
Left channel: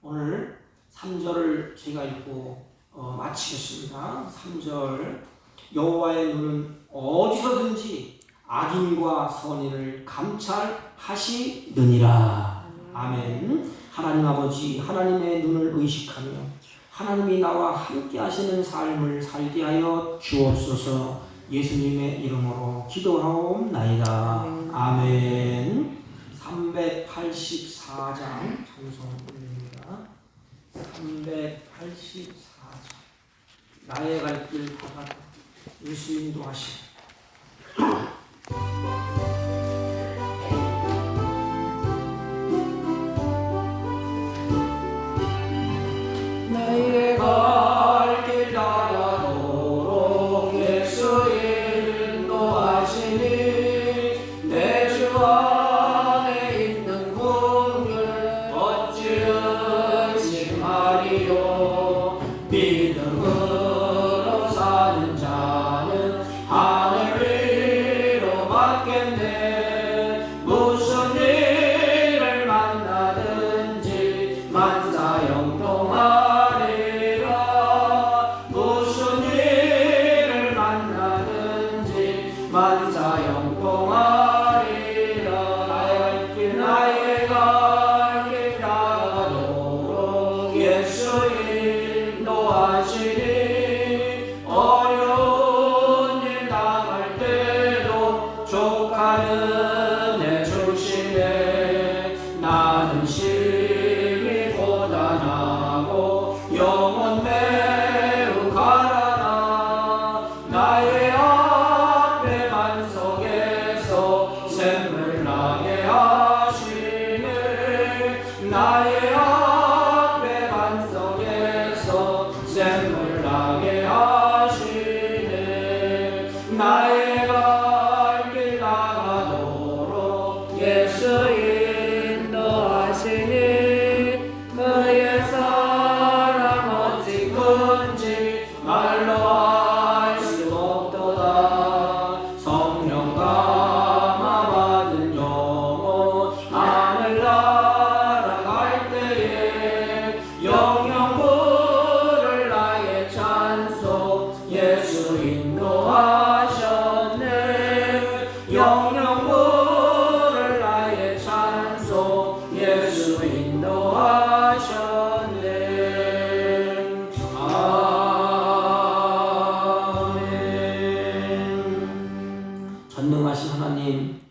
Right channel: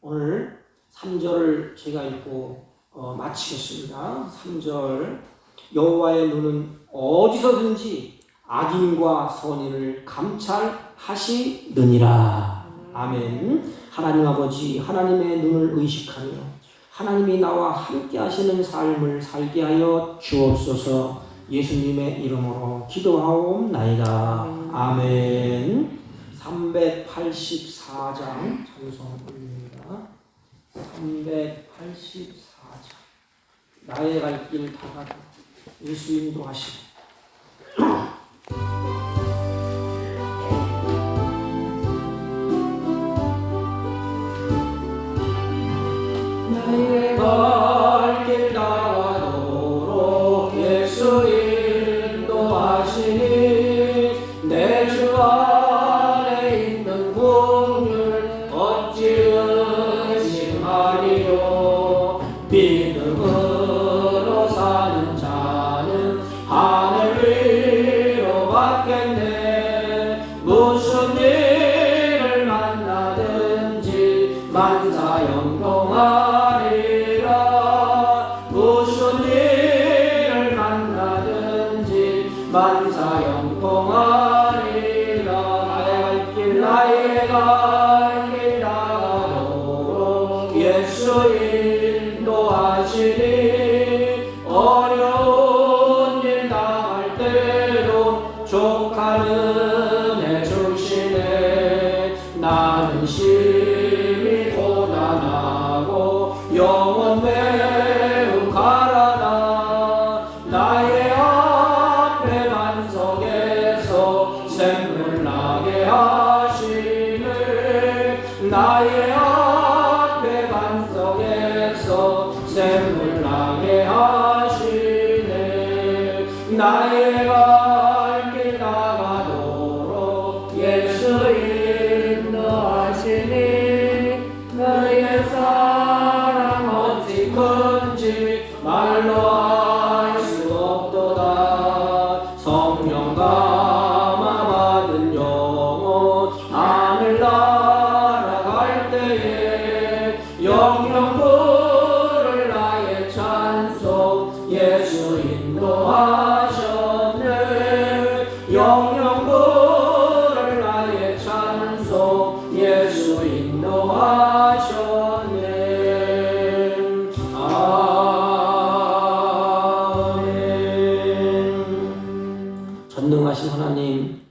오늘 3절을 제가 읽고 마치겠습니다. 3절 여호와의 눈은 어디서든지 악인과 선인을 감찰하시느니라. 아멘. 하나님 아버지, 하나님의 눈을 의식하며 하나님이 나와 함께 하시는 삶을 살게 하여 주옵소서. 예수님의 이름으로 기도하옵나이다. 아멘. 384장 찬송 올립니다. 384장 나의 갈 길 다가도 예수 인도하시고 나의 갈 길 다가도록 나의 앞에 반석에서 샘물 나게 하시네. 나의 갈 길 나가도록 예수 인도하시니 그의 사랑 어찌 큰지 말로 알 수 없도다. 성령 감화 받은 영혼 하늘 날아갈 때에 영영 부를 나의 찬송 예수 인도하셨네. 영영 부를 나의 찬송 예수 인도하셨네. 아멘. 전능하신 하나님,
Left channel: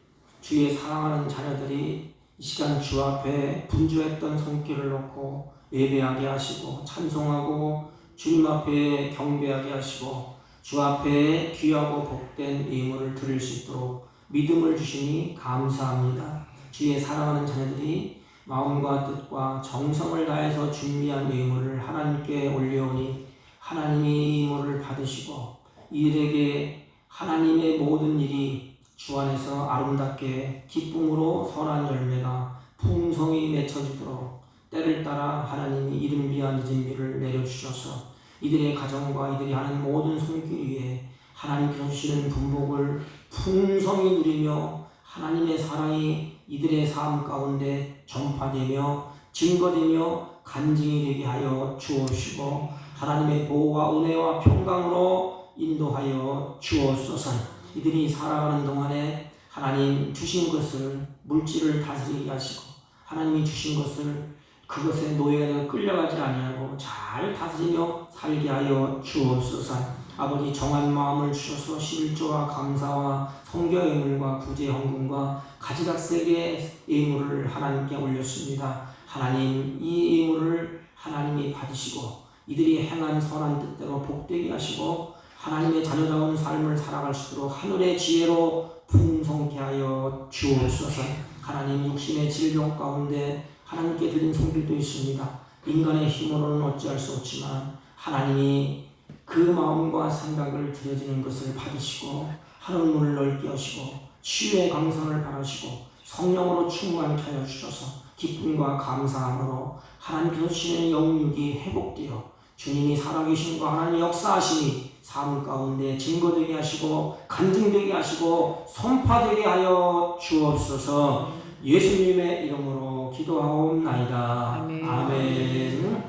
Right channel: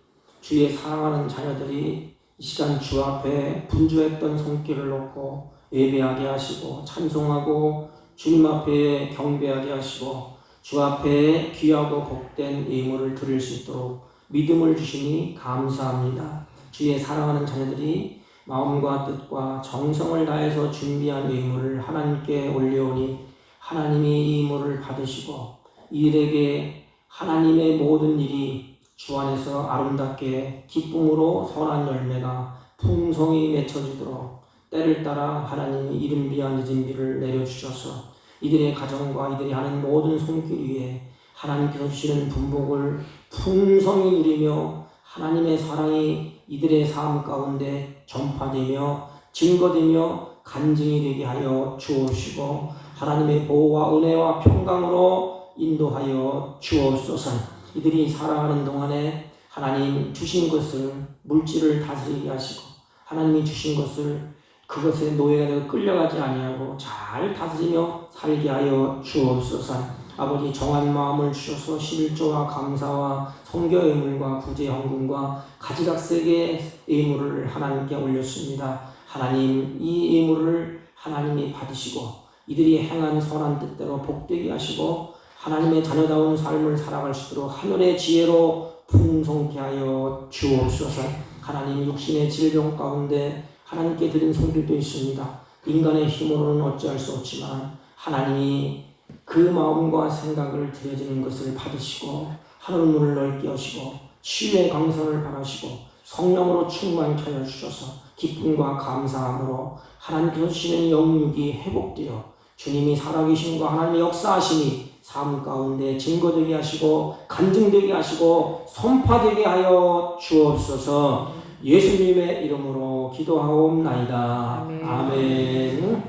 주의 사랑하는 자녀들이 이 시간 주 앞에 분주했던 손길을 놓고 예배하게 하시고 찬송하고 주님 앞에 경배하게 하시고 주 앞에 귀하고 복된 예물을 드릴 수 있도록 믿음을 주시니 감사합니다. 주의 사랑하는 자녀들이 마음과 뜻과 정성을 다해서 준비한 예물을 하나님께 올려오니 하나님이 이 예물을 받으시고 이들에게 하나님의 모든 일이 주 안에서 아름답게 기쁨으로 선한 열매가 풍성히 맺혀지도록 때를 따라 하나님이 이른 비와 늦은 비를 내려주셔서 이들의 가정과 이들이 하는 모든 손길 위에 하나님께서 주시는 분복을 풍성히 누리며 하나님의 사랑이 이들의 삶 가운데 전파되며 증거되며 간증이 되게 하여 주옵시고 하나님의 보호와 은혜와 평강으로 인도하여 주옵소서. 이들이 살아가는 동안에 하나님 주신 것을 물질을 다스리게 하시고 하나님이 주신 것을 그것에 노예가 되어 끌려가지 아니하고 잘 다스리며 살게 하여 주옵소서. 아버지 정한 마음을 주셔서 11조와 감사와 성교 예물과 구제 헌금과 가지각색의 예물을 하나님께 올렸습니다. 하나님 이 예물을 하나님이 받으시고 이들이 행한 선한 뜻대로 복되게 하시고 하나님의 자녀다운 삶을 살아갈 수 있도록 하늘의 지혜로 풍성케 하여 주옵소서. 하나님 육신의 질병 가운데 하나님께 드린 손길도 있습니다. 인간의 힘으로는 어찌할 수 없지만 하나님이 그 마음과 생각을 드려지는 것을 받으시고 하늘 문을 넓게 하시고 치유의 강선을 바라시고 성령으로 충만케 하여 주셔서 기쁨과 감사함으로 하나님께서 주시는 영육이 회복되어 주님이 살아계심과 하나님의 역사하심이 삶 가운데 증거되게 하시고 간증되게 하시고 선파되게 하여 주옵소서. 예수님의 이름으로 기도하옵나이다. 아멘. 아멘.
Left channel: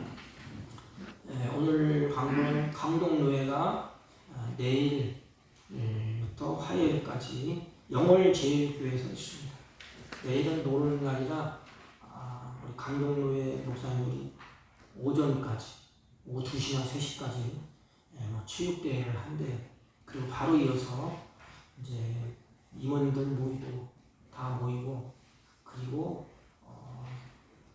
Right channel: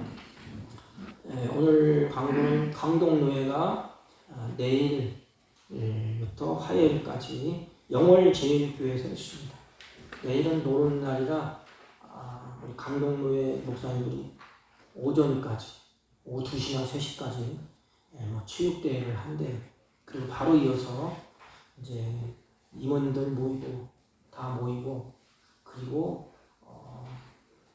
오늘 강동노회가 내일부터 화요일까지 영월제일교회에서 있습니다. 내일은 노는 날이라 우리 강동노회 목사님들이 오전까지 오후 2시나 3시까지 체육대회를 한대. 그리고 바로 이어서 이제 임원들 모이고 다 모이고 그리고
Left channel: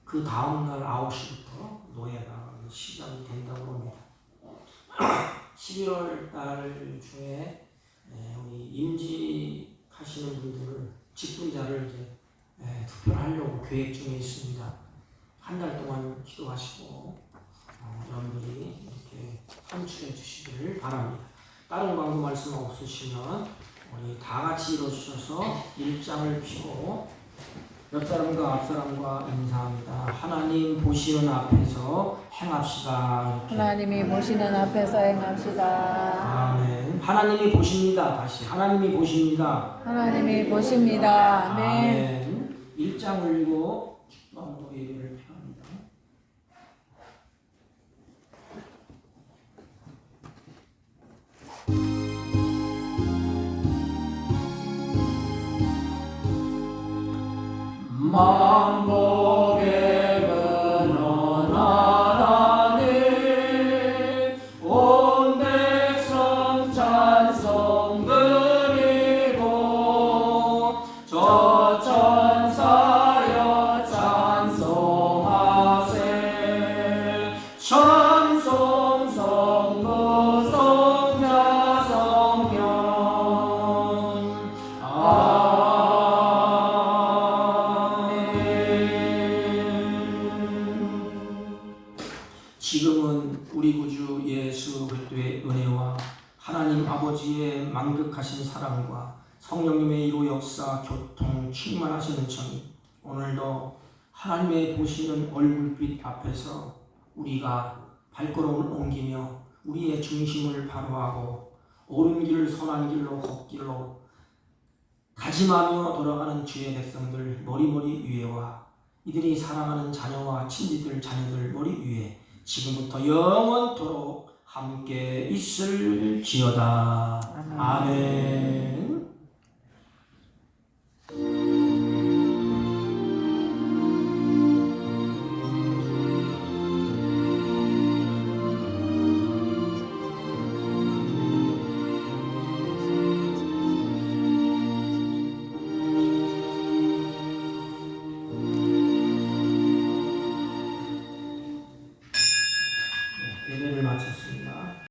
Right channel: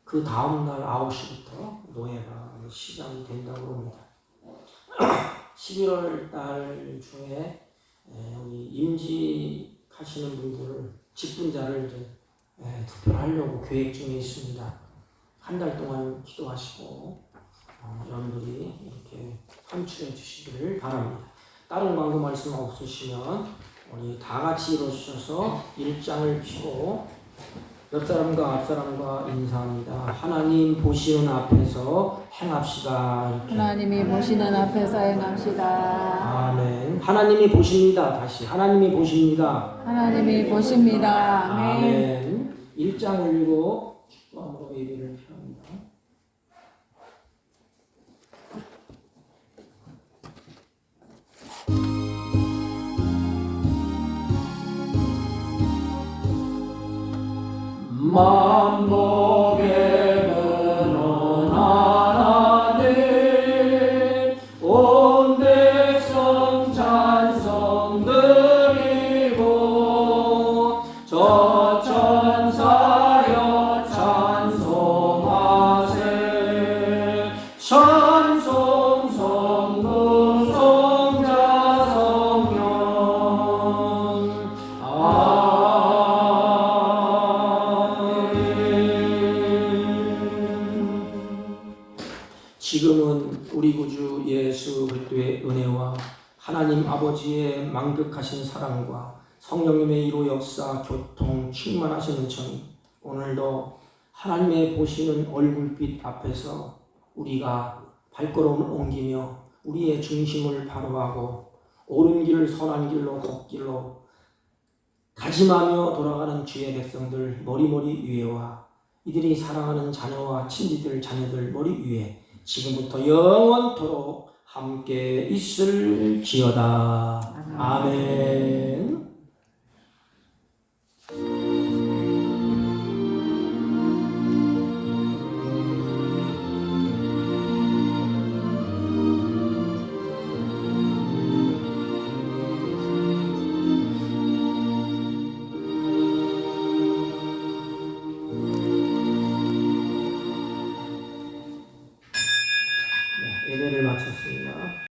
그 다음날 9시부터 노예가 시작이 된다고 합니다. 11월 달 중에 우리 임직하시는 분들을 직분자를 이제 투표하려고 계획 중에 있습니다. 한 달 동안 기도하시고 여러분들이 이렇게 선출해 주시기를 바랍니다. 다른 광고 말씀 없으시면 우리 다 같이 일어서셔서 일장을 펴고 옆 사람과 앞 사람과 인사합니다. 하나님 보시는 앞에서 행합시다. 이렇게. 하나님이 보시는 앞에서 행합시다. 아멘. 하나님이 보십니다. 다시 하나님이 보십니다. 하나님이 보십니다. 아멘. 아멘. 일장 올리고 기도함으로 예배를 펴합니다. 만복의 근원하나님 온 백성 찬송 드리고 저 천사여 찬송하세 찬송 성부 성자 성령 아멘. 지금은 우리 구주 예수 그리스도의 은혜와 하나님 아버지의 만극하신 사랑과 성령님의 이로 역사 교통 충만하신 은총이 오늘도 하나님의 보시는 얼굴빛 앞에서 우리가 발걸음을 옮기며 우리의 중심을 바로하고 옳은 길을 선한 길로 헛길로 다짐하며 돌아가는 주의 백성들 머리머리 위에와 이들이 사랑하는 자녀와 친지들 자녀들 머리 위에 지금부터 영원토록 함께 있을지어다.